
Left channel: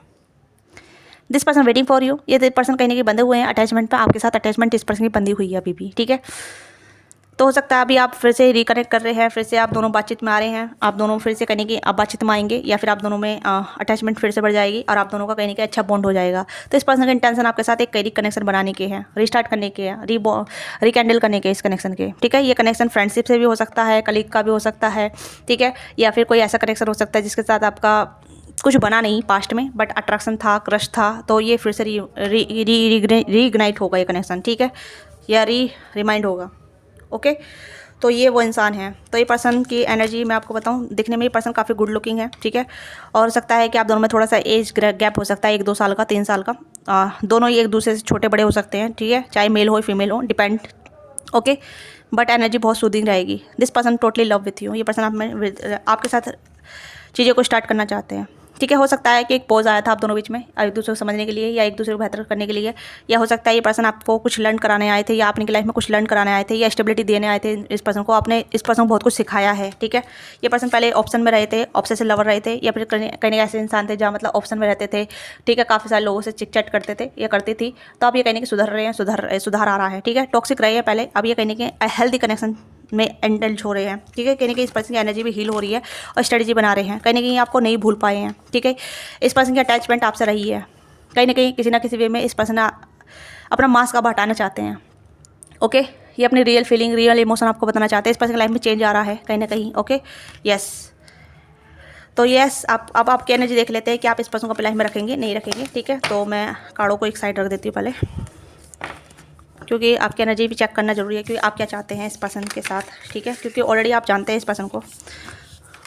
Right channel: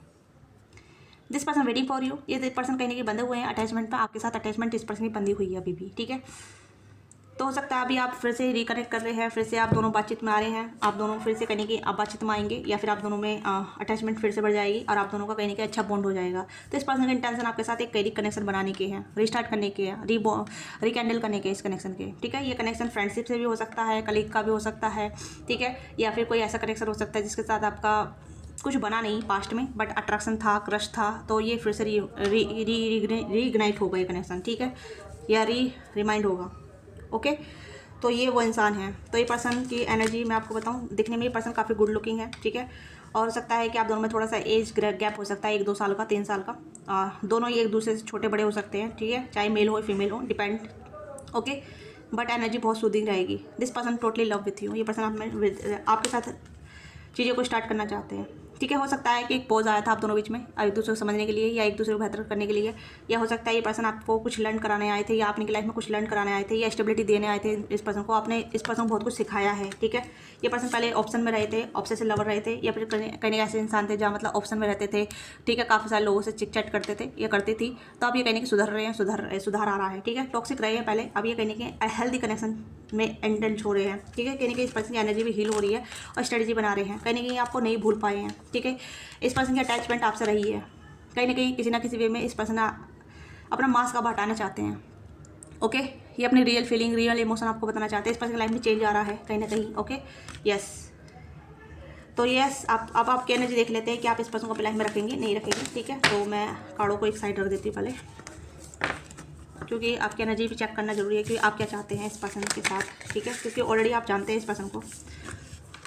This person waiting for you, ये पर्सन कहीं ना कहीं बंधे हुए हैं अटैचमेंट पर, आपके साथ अटैचमेंट इस पर्सन की बंधी हुई है अभी भी, ठीक है। तो हो सकता है अभी आप फिर से रिकनेक्ट कर रहे हैं, फिर से आप दोनों बातचीत में आ रहे हैं, आप दोनों फिर से कहीं कि आप बातचीत में आएंगे, या फिर आप दोनों में अटैचमेंट फिर से बढ़ जाएगी और आप दोनों का कहीं अच्छा बॉन्ड हो जाएगा। तो इस पर्सन का इंटेंशन आपके साथ एक कई कनेक्शन बनाने के हैं, रीस्टार्ट करने के हैं, रिकैंडल करने के इस कनेक्शन के, ठीक है। ये कनेक्शन फ्रेंडशिप से भी हो सकता है, कलीग का भी हो सकता है, ठीक है, या फिर कोई ऐसा कनेक्शन हो सकता है जिसके साथ आपका कुछ बना नहीं पास्ट में, बट अट्रैक्शन था, क्रश था, तो ये फिर से रीइग्नाइट होगा ये कनेक्शन, ठीक है, या रिमाइंड होगा। ओके, तो ये वो इंसान है। तो ये पर्सन की एनर्जी मैं आपको बताऊं, दिखने में ये पर्सन काफ़ी गुड लुकिंग है, ठीक है। और हो सकता है कि आप दोनों में थोड़ा सा एज गैप हो सकता है, 1-2 साल का, 3 साल का, दोनों ही एक दूसरे से छोटे बड़े हो सकते हैं, ठीक है, चाहे मेल हो फीमेल हो, डिपेंड। ओके, बट एनर्जी बहुत सूदिंग रहेगी। This person totally love with you, ये पर्सन आपके साथ चीज़ों को स्टार्ट करना चाहते हैं, ठीक है। हो सकता है कि एक पॉज आया था आप दोनों बीच में एक दूसरे को समझने के लिए, या एक दूसरे को बेहतर करने के लिए, या हो सकता है ये पर्सन आपको कुछ लर्न कराने आए थे, या आपने लाइफ में कुछ लर्न कराने आए थे, या स्टेबिलिटी देने आए थे इस पर्सन को। आपने इस पर्सन को बहुत कुछ सिखाया है, ठीक है। ये पर्सन पहले ऑप्शन में रहे थे, ऑब्सेसिव लवर रहे थे, या फिर कहीं ऐसे इंसान थे जहाँ मतलब ऑप्शन में रहते थे, ठीक है, काफ़ी सारे लोगों से चिट चैट करते थे या करती थी। तो आप ये कहने के सुधर रहे हैं, सुधार आ रहा है, ठीक है। टॉक्सिक रहे हैं पहले, अब ये कहने के हेल्दी कनेक्शन में एंडल्ज हो रहे हैं, ठीक है। कहने की इस पर्सन की एनर्जी भी हील हो रही है और स्ट्रेटजी बना रहे हैं, कहीं ना कहीं आपको नहीं भूल पाए हैं, ठीक है। इस पर्सन की अटैचमेंट आपसे रही है, कहीं ना कहीं किसी ना किसी वे में इस पर्सन अपना मास्क अब हटाना चाहते हैं। ओके, ये अपनी रियल फीलिंग, रियल इमोशन आपको बताना चाहते हैं। इस पर्सन की लाइफ में चेंज आ रहा है कहीं ना कहीं। ओके, यस, तो यस, अब आपकी एनर्जी देख लेते हैं कि आप इस पर्सन को अपनी लाइफ में रखेंगे नहीं रखेंगे, ठीक है। तो मैं कार्डों को एक साइड रख देती हूँ पहले, क्योंकि आपकी एनर्जी भी चेक करना जरूरी है, क्योंकि आप क्या चाहते हैं इस पर्सन के साथ, ठीक है। क्योंकि ऑलरेडी आप जानते हैं इस पर्सन को,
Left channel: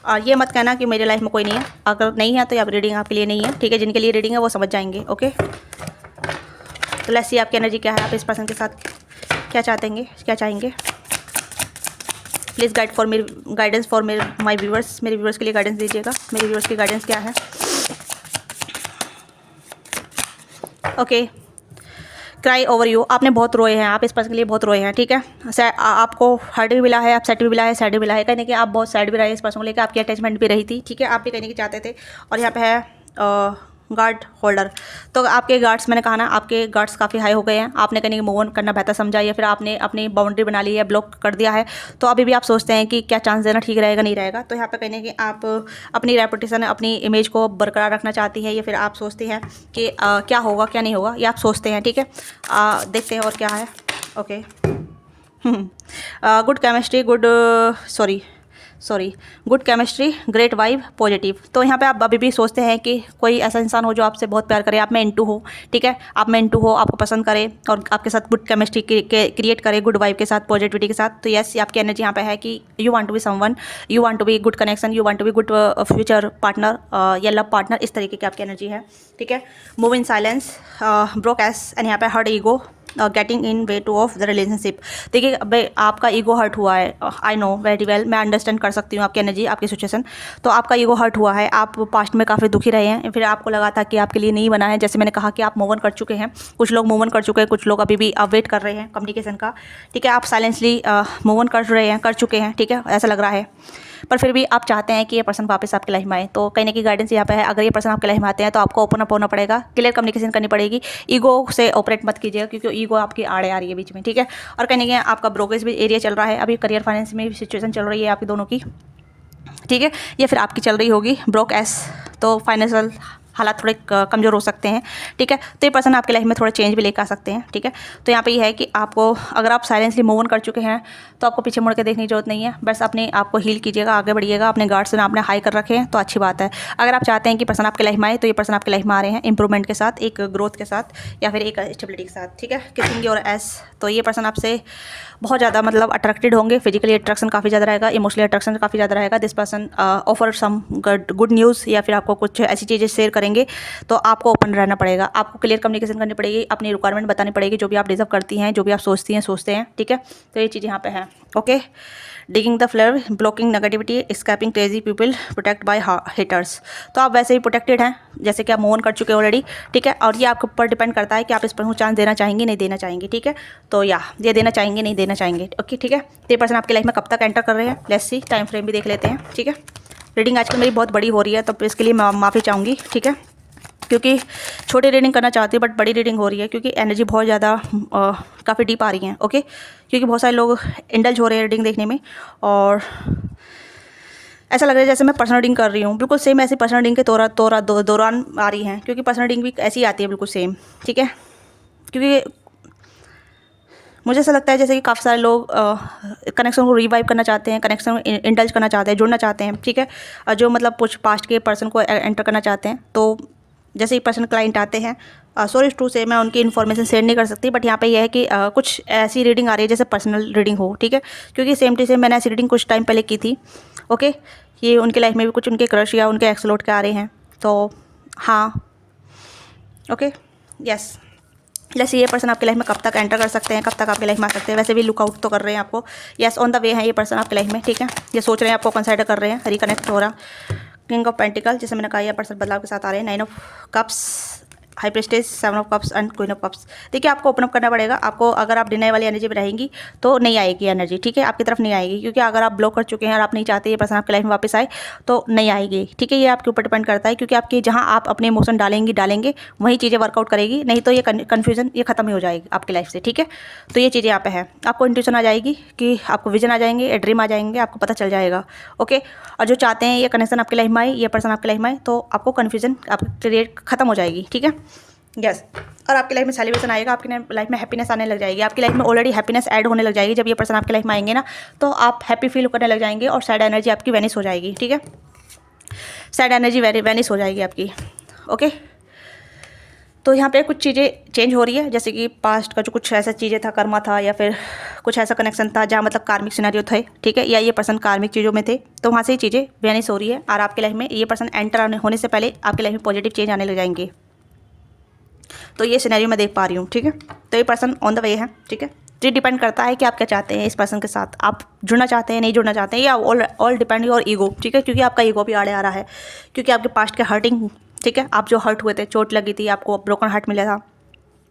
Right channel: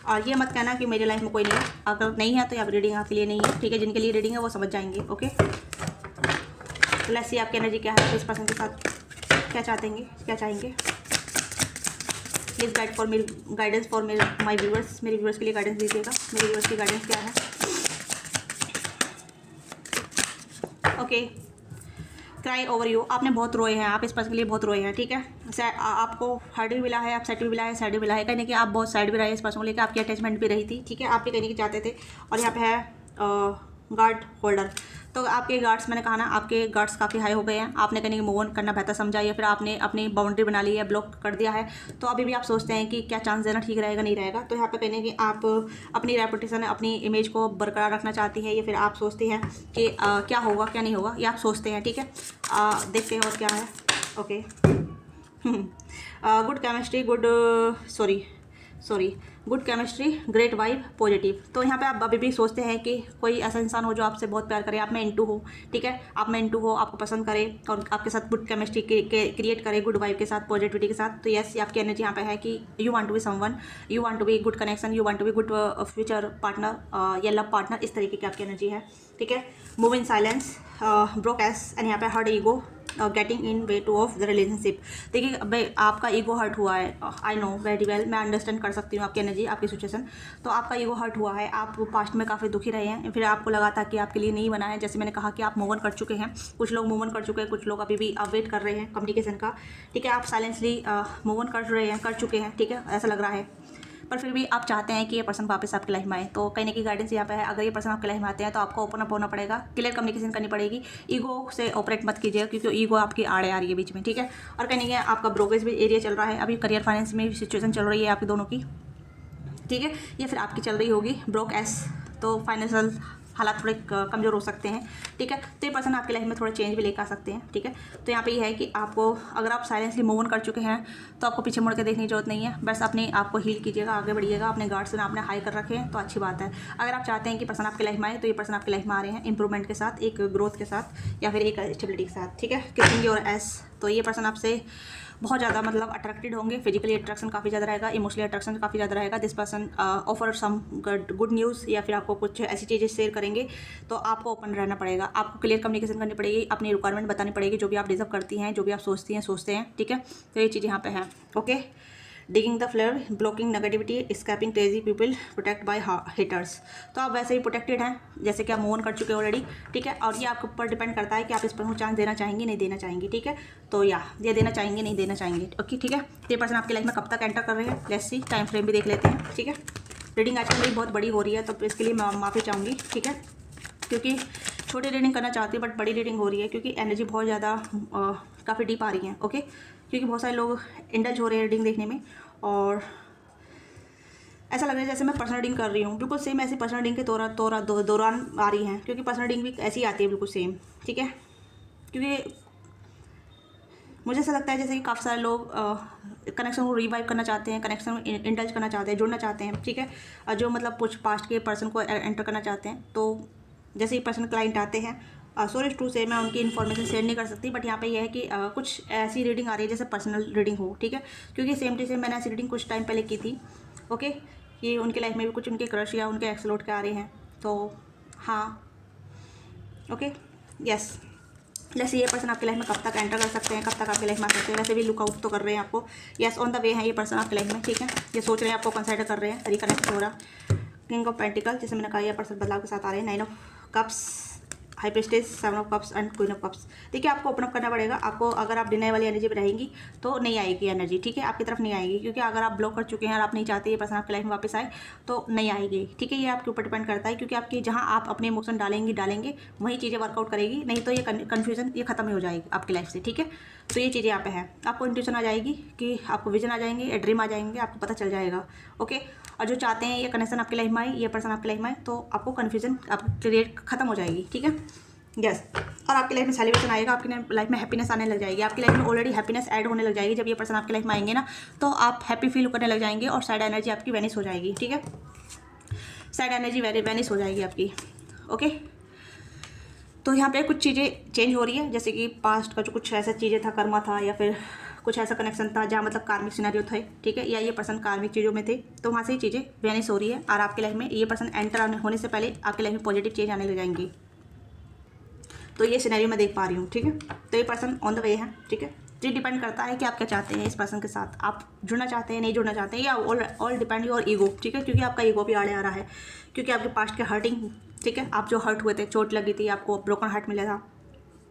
और ये मत कहना कि मेरी लाइफ में कोई नहीं है। अगर नहीं है तो आप रीडिंग आपके लिए नहीं है, ठीक है। जिनके लिए रीडिंग है वो समझ जाएंगे। ओके, तो लेट्स सी आपकी एनर्जी क्या है, आप इस पर्सन के साथ क्या चाहेंगे। Please guidance for my viewers, मेरे व्यूवर्स के लिए गाइडेंस दीजिएगा। मेरे व्यूवर्स की गाइडेंस क्या है। ओके, क्राई ओवर यू, आपने बहुत रोए हैं, आप इस पर्सन के लिए बहुत रोए हैं, ठीक है। आपको हर्ट भी मिला है, आप सेट भी मिला है, सैड भी मिला है, कहने कि आप बहुत सैड भी रहे इस पर्सन को लेकर, आपकी अटैचमेंट भी रही थी, ठीक है। आप भी कहने की चाहते थे। और यहाँ पे है गार्ड होल्डर, तो आपके गार्ड्स, मैंने कहा ना, आपके गार्ड्स काफ़ी हाई हो गए हैं। आपने कहीं मूव ऑन करना बेहतर समझा, या फिर आपने अपनी बाउंड्री बना ली है, ब्लॉक कर दिया है। तो अभी भी आप सोचते हैं कि क्या चांस देना ठीक रहेगा नहीं रहेगा। तो यहाँ पे कहने कि आप अपनी रेपुटेशन, अपनी इमेज को बरकरार रखना चाहती हैं, या फिर आप सोचती हैं कि क्या होगा क्या नहीं होगा, ये आप सोचते हैं, ठीक है। देखते हैं और क्या है। Okay, good chemistry, good chemistry, great vibe, positive. तो यहाँ पे आप अभी भी सोचते हैं कि कोई ऐसा इंसान हो जो आपसे बहुत प्यार करे, आप में इंटू हो, ठीक है। आप में इंटू हो, आपको पसंद करे और आपके साथ गुड केमिस्ट्री क्रिएट करे, गुड वाइब के साथ, पॉजिटिविटी के साथ। तो यस, आपकी एनर्जी यहाँ पे है कि you want to be someone, you want to be good connection, you want to be good future partner या लव पार्टनर, इस तरीके की आपकी एनर्जी है, ठीक है। मूव इन साइलेंस, ब्रोक एस, एंड यहाँ पे hurt ego, getting in way to of the relationship. देखिए, अब आपका ईगो हर्ट हुआ है, आई नो वेरी वेल, मैं अंडरस्टैंड कर सकती हूँ आपकी एनर्जी, आपकी सिचुएशन। तो आपका ईगो हर्ट हुआ है, आप पास्ट में काफ़ी दुखी रहे हैं, फिर आपको लगा था कि आपके लिए नहीं बना है। जैसे मैंने कहा कि आप मूव ऑन कर चुके हैं, कुछ लोग मूव ऑन कर चुके हैं, कुछ लोग अभी भी वेट कर रहे हैं कम्युनिकेशन का, ठीक है। आप साइलेंसली मूव ऑन कर चुके हैं, ठीक है, ऐसा लग रहा है। पर फिर भी आप चाहते हैं कि ये पर्सन वापस आपकी लाइफ में आए। तो कहने की गाइडेंस यहाँ पे है, अगर ये पर्सन आपकी लाइफ में आते हैं तो आपको ओपन अप होना पड़ेगा, क्लियर कम्युनिकेशन करनी पड़ेगी, ईगो से ऑपरेट मत कीजिएगा, क्योंकि ईगो आपकी आड़े आ रही है बीच में, ठीक है। और कहने के आपका ब्रोकेज भी एरिया चल रहा है, अभी करियर फाइनेंस में सिचुएशन चल रही है आपकी दोनों की, ठीक है, या फिर आपकी चल रही होगी ब्रोक एस। तो फाइनेंशियल हालात थोड़े कमज़ोर हो सकते हैं, ठीक है। तो ये पर्सन आपकी लाइफ में थोड़ा चेंज भी लेकर आ सकते हैं, ठीक है। तो यहाँ पे ये है कि आपको, अगर आप साइलेंसली मूव ऑन कर चुके हैं तो आपको पीछे मुड़ के देखने की जरूरत नहीं है, बस अपने आप को हील कीजिएगा, आगे बढ़िएगा। अपने गार्ड्स ने आपने हाई कर रखे हैं तो अच्छी बात है। अगर आप चाहते हैं कि पर्सन आपकी लाइफ में आए तो ये पर्सन आपकी लाइफ में आ रहे हैं इंप्रूवमेंट के साथ, एक ग्रोथ के साथ, या फिर एक स्टेबिलिटी के साथ, ठीक है। किसिंग और एस, तो ये पर्सन आपसे बहुत ज़्यादा मतलब अट्रैक्टेड होंगे, फिजिकली अट्रैक्शन काफ़ी ज़्यादा रहेगा, इमोशनली अट्रैक्शन काफ़ी ज़्यादा रहेगा। This person offer some good news, या फिर आपको कुछ ऐसी चीज़ें शेयर करेगा करेंगे तो आपको ओपन रहना पड़ेगा, आपको क्लियर कम्युनिकेशन करनी पड़ेगी, अपनी रिक्वायरमेंट बतानी पड़ेगी, जो भी आप डिजर्व करती हैं, जो भी आप सोचते हैं, ठीक है। तो ये चीज़ यहाँ पे है। Okay, digging the flare, blocking negativity, escaping crazy people, protect by haters. तो आप वैसे ही प्रोटेक्टेड हैं, जैसे कि आप मूव ऑन कर चुके हैं ऑलरेडी, ठीक है। और ये आपके ऊपर डिपेंड करता है कि आप इस पर्सन को चांस देना चाहेंगे नहीं देना चाहेंगे, ठीक है। तो या ये देना चाहेंगे नहीं देना चाहेंगे, ओके, ठीक है। तो ये पर्सन आपकी लाइफ में कब तक एंटर कर रहे हैं, लेट्स सी, टाइम फ्रेम भी देख लेते हैं, ठीक है। रीडिंग आजकल मेरी बहुत बड़ी हो रही है, तो इसके लिए मैं माफ़ी चाहूँगी, ठीक है, क्योंकि छोटी रीडिंग करना चाहती हूँ बट बड़ी रीडिंग हो रही है, क्योंकि एनर्जी बहुत ज़्यादा काफ़ी डीप आ रही है, ओके। क्योंकि बहुत सारे लोग इंडल्ज हो रहे हैं रीडिंग देखने में, और ऐसा लग रहा है जैसे मैं पर्सनल रीडिंग कर रही हूँ, बिल्कुल सेम ऐसी पर्सनल रीडिंग के दौरान आ रही हैं, क्योंकि पर्सनल रीडिंग भी ऐसी आती है बिल्कुल सेम, ठीक है। क्योंकि मुझे ऐसा लगता है जैसे कि काफ़ी सारे लोग कनेक्शन को रिवाइव करना चाहते हैं, कनेक्शन को इंडल्ज करना चाहते हैं, जुड़ना चाहते हैं, ठीक है। और जो मतलब कुछ पास्ट के पर्सन को एंटर करना चाहते हैं, तो जैसे ही पर्सन क्लाइंट आते हैं, सॉरी टू से मैं उनकी इन्फॉर्मेशन शेयर नहीं कर सकती, बट यहाँ पे यह है कि कुछ ऐसी रीडिंग आ रही है जैसे पर्सनल रीडिंग हो, ठीक है। क्योंकि सेम टू सेम मैंने ऐसी रीडिंग कुछ टाइम पहले की थी, ओके। ये उनकी लाइफ में भी कुछ उनके क्रश या उनके एक्स लौट के आ रहे हैं, तो हाँ, ओके, यस। जैसे ये पर्सन आपकी लाइफ में कब तक एंटर कर सकते हैं, कब तक आपकी लाइफ में आ सकते हैं, वैसे भी लुकआउट तो कर रहे हैं आपको, यस, ऑन द वे है ये पर्सन आपकी लाइफ में, ठीक है। ये सोच रहे हैं आपको कंसिडर कर रहे हैं, रिकनेक्ट हो रहा। किंग ऑफ पेंटिकल, जैसे मैंने कहा, यह पर्सन बदलाव के साथ आ रहे हैं। 9 of cups, high prestige, 7 of cups and queen of cups. देखिए आपको ओपन अप करना पड़ेगा, आपको अगर आप डिनाई वाली एनर्जी में रहेंगी तो नहीं आएगी एनर्जी, ठीक है, आपकी तरफ नहीं आएगी, क्योंकि अगर आप ब्लॉक कर चुके हैं और आप नहीं चाहते ये पर्सन आपकी लाइफ में वापस आए तो नहीं आएगी, ठीक है। ये आपके ऊपर डिपेंड करता है, क्योंकि आपकी जहाँ आप अपने इमोशन डालेंगे वही चीज़ें वर्कआउट करेगी, नहीं तो ये कन्फ्यूजन ये खत्म ही हो जाएगी आपकी लाइफ से, ठीक है। तो ये चीज़ें यहाँ पे है, आपको इंट्यूशन आ जाएगी, कि आपको विजन आ जाएंगे, ड्रीम आ जाएंगे, आपको पता चल जाएगा, ओके। और जो चाहते हैं ये कनेक्शन आपकी लाइफ में आए, ये पर्सन आपकी लाइफ में आए, तो आपको कन्फ्यूजन आप क्रिएट खत्म हो जाएगी, ठीक है, यस। और आपकी लाइफ में सेलिब्रेशन आएगा, आपकी लाइफ में हैप्पीनेस आने लग जाएगी, आपकी लाइफ में ऑलरेडी हैप्पीनेस ऐड होने लग जाएगी। जब ये पर्सन आपकी लाइफ में आएंगे ना, तो आप हैप्पी फील करने लग जाएंगे और सैड एनर्जी आपकी वैनिश हो जाएगी, ठीक है। सैड एनर्जी वैनिश हो जाएगी आपकी, ओके। तो यहाँ पे कुछ चीज़ें चेंज हो रही है, जैसे कि पास्ट का जो कुछ ऐसा चीज़ें था, कर्मा था, या फिर कुछ ऐसा कनेक्शन था जहाँ मतलब कार्मिक सिनेरियो थे, ठीक है, या ये पर्सन कार्मिक चीज़ों में थे, तो वहाँ से ही चीज़ें वैनिश हो रही है। और आपकी लाइफ में ये पर्सन एंटर होने से पहले आपकी लाइफ में पॉजिटिव चेंज आने लग जाएंगे। तो ये सिनेरियो मैं देख पा रही हूँ, ठीक है। तो ये पर्सन ऑन द वे है, ठीक है। ये डिपेंड करता है कि आप क्या चाहते हैं इस पर्सन के साथ, आप जुड़ना चाहते हैं नहीं जुड़ना चाहते हैं, या ऑल डिपेंड योर ईगो, ठीक है। क्योंकि आपका ईगो भी आड़े आ रहा है, क्योंकि आपके पास्ट के हर्टिंग, ठीक है, आप जो हर्ट हुए थे, चोट लगी थी, आपको ब्रोकन हार्ट मिला था,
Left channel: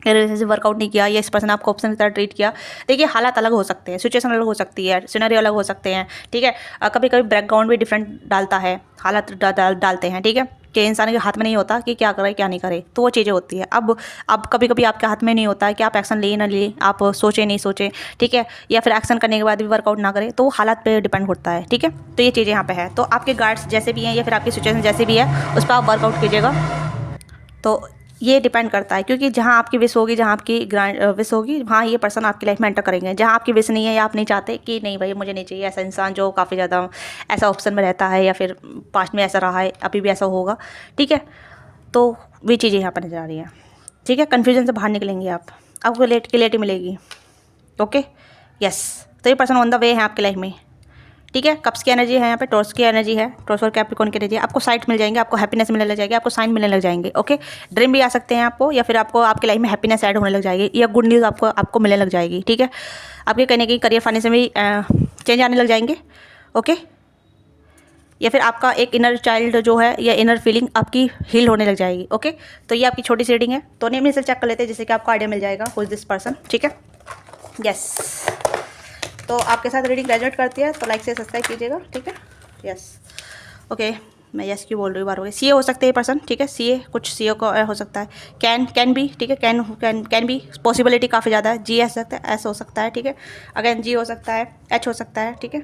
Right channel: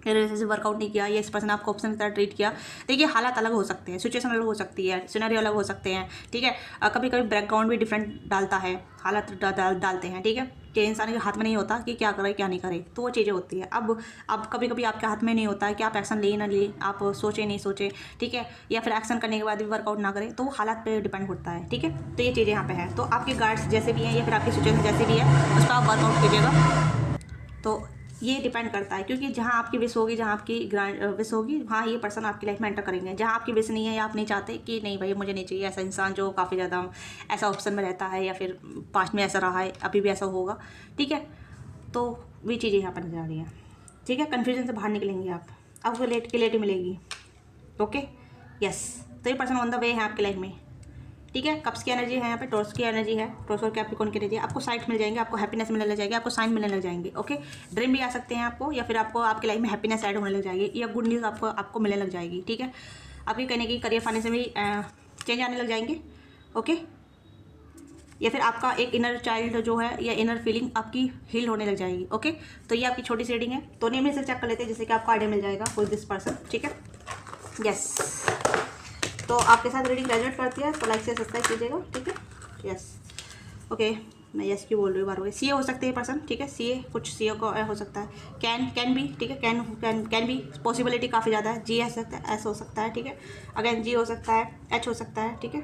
रिलेशनशिप वर्कआउट नहीं किया, या इस पर्सन आपको ऑप्शन की तरह ट्रीट किया। देखिए हालात अलग हो सकते हैं, सिचुएशन अलग हो सकती है, सिनेरियो अलग हो सकते हैं, ठीक है। कभी कभी बैकग्राउंड भी डिफरेंट डालता है, हालात डालते हैं, ठीक है, कि इंसान के हाथ में नहीं होता कि क्या करे क्या नहीं करे, तो वो चीज़ें होती है। अब कभी कभी आपके हाथ में नहीं होता है कि आप एक्शन ले ना ले, आप सोचे नहीं सोचे, ठीक है, या फिर एक्शन करने के बाद भी वर्कआउट ना करे, तो वो हालात पे डिपेंड होता है, ठीक है। तो ये चीज़ें यहाँ पे है। तो आपके गार्ड्स जैसे भी हैं या फिर आपकी सिचुएशन जैसे भी है, उस पर आप वर्कआउट कीजिएगा। तो ये डिपेंड करता है, क्योंकि जहाँ आपकी विश होगी, जहाँ आपकी विश होगी, वहाँ ये पर्सन आपकी लाइफ में एंटर करेंगे। जहाँ आपकी विश नहीं है या आप नहीं चाहते कि नहीं भाई मुझे नहीं चाहिए ऐसा इंसान जो काफ़ी ज़्यादा ऐसा ऑप्शन में रहता है, या फिर पास्ट में ऐसा रहा है, अभी भी ऐसा होगा, ठीक है। तो वे चीज़ें यहाँ पर नजर आ रही हैं, ठीक है। कन्फ्यूजन से बाहर निकलेंगे आप, आपको क्लियरिटी मिलेगी, ओके, यस। तो ये पर्सन ऑन द वे है आपकी लाइफ में, ठीक है। कप्स की एनर्जी है यहाँ पे, टॉर्च की एनर्जी है, टॉर्च और कैप्रिकॉर्न की एनर्जी है। आपको साइट मिल जाएंगे, आपको हैप्पीनेस मिलने लग जाएगी, आपको साइन मिलने लग जाएंगे, ओके। ड्रीम भी आ सकते हैं आपको, या फिर आपको आपकी लाइफ में हैप्पीनेस ऐड होने लग जाएगी, या गुड न्यूज़ आपको मिलने लग जाएगी, ठीक है। आपके कहने की करियर फाइनेंस में भी चेंज आने लग जाएंगे, ओके। या फिर आपका एक इनर चाइल्ड जो है, या इनर फीलिंग आपकी हील होने लग जाएगी, ओके। तो ये आपकी छोटी सी रीडिंग है, तो नेम से चेक कर लेते हैं, जिससे कि आपको आइडिया मिल जाएगा हु इज दिस पर्सन, ठीक है, यस। तो आपके साथ रीडिंग रेजोनेट करती है तो लाइक से सब्सक्राइब कीजिएगा, ठीक है, यस, ओके। मैं यस क्यों बोल रही हूँ बार हो गई। सी ए हो सकते हैं पर्सन, ठीक है, सी ए कुछ सी ए को हो सकता है, कैन भी, ठीक है, कैन भी पॉसिबिलिटी काफ़ी ज़्यादा है। जी एस सकता है, एस हो सकता है, ठीक है, अगेन जी हो सकता है, एच हो सकता है, ठीक है।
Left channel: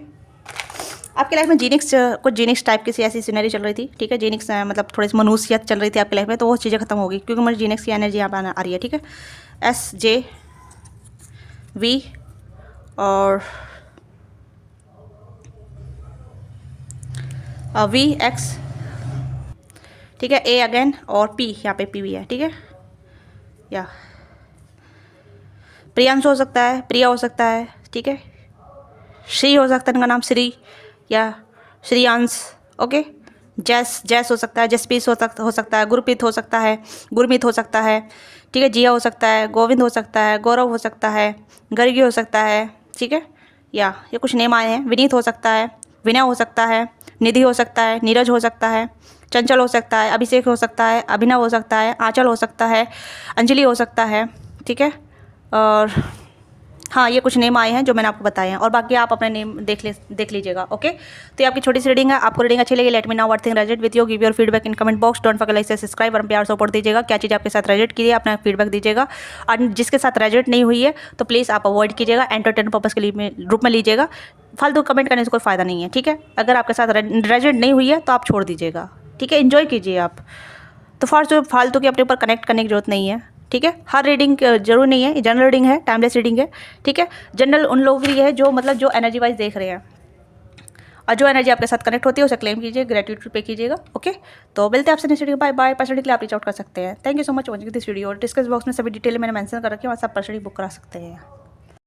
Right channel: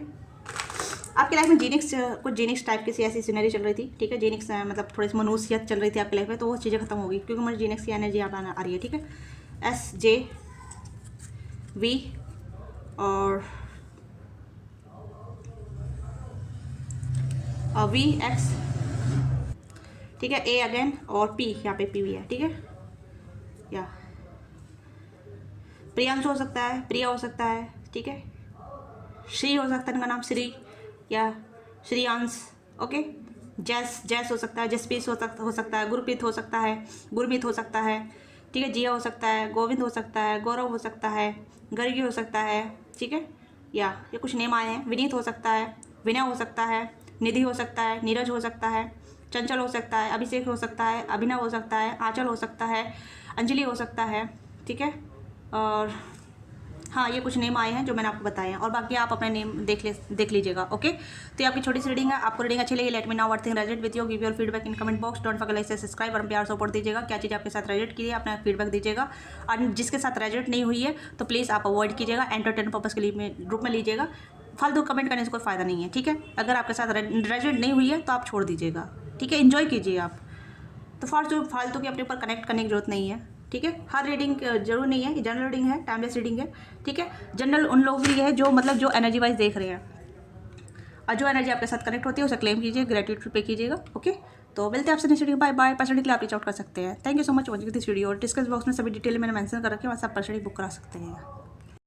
आपकी लाइफ में जीनिक्स कुछ जीनिक्स टाइप की ऐसी सीनरी चल रही थी, ठीक है, जीनिक्स मतलब थोड़ी सी मनुष्यत चल रही थी आपकी लाइफ में, तो वो चीज़ें खत्म होगी, क्योंकि मुझे जीनिक्स की एनर्जी यहाँ पर आ रही है, ठीक है। एस जे वी और वी एक्स, ठीक है, ए अगेन, और पी, यहाँ पे पी भी है, ठीक है, या प्रियांश हो सकता है, प्रिया हो सकता है, ठीक है, श्री हो सकता है, इनका नाम श्री या श्रीयांश, ओके, जैस जैस हो सकता है, जसपीस हो सकता है, गुरप्रीत हो सकता है, गुरमीत हो सकता है, ठीक है, जिया हो सकता है, गोविंद हो सकता है, गौरव हो सकता है, गर्गी हो सकता है, ठीक है, या ये कुछ नेम आए हैं। विनीत हो सकता है, विनय हो सकता है, निधि हो सकता है, नीरज हो सकता है, चंचल हो सकता है, अभिषेक हो सकता है, अभिनव हो सकता है, आंचल हो सकता है, अंजलि हो सकता है, ठीक है। और हाँ, ये कुछ नेम आए हैं जो मैंने आपको बताए हैं, और बाकी आप अपने नेम देख लीजिएगा। ओके, तो ये आपकी छोटी सी रीडिंग है। आपको रीडिंग अच्छी लगी, let me know what thing resonate with you, give your feedback in comment box, don't forget like से सब्सक्राइब और प्यार सपोर्ट दीजिएगा। क्या चीज़ आपके साथ रेजोनेट की है, अपना फीडबैक दीजिएगा, और जिसके साथ रेजोनेट नहीं हुई है तो प्लीज़ आप अवॉइड कीजिएगा, एंटरटेन पर्पज़ के लिए रूप में लीजिएगा। फालतू कमेंट करने से कोई फ़ायदा नहीं है, ठीक है। अगर आपके साथ रेजोनेट नहीं हुई है तो आप छोड़ दीजिएगा, ठीक है, इन्जॉय कीजिए आप। तो फालतू की अपने ऊपर कनेक्ट करने की जरूरत नहीं है, ठीक है। हर रीडिंग जरूरी नहीं है, जनरल रीडिंग है, टाइमलेस रीडिंग है, ठीक है। जनरल उन लोगों के लिए है जो मतलब जो एनर्जी वाइज देख रहे हैं, और जो एनर्जी आपके साथ कनेक्ट होती है उसे क्लेम कीजिए, ग्रेटिट्यूड पे कीजिएगा। ओके, तो मिलते हैं आपसे next video. Bye bye. Personally के लिए आप रीच आउट कर सकते हैं। Thank you so much watching this video. और डिस्कस बॉक्स में सभी डिटेल मैंने मेंशन कर रखी है, और सब पर्सनली बुक करा सकते हैं।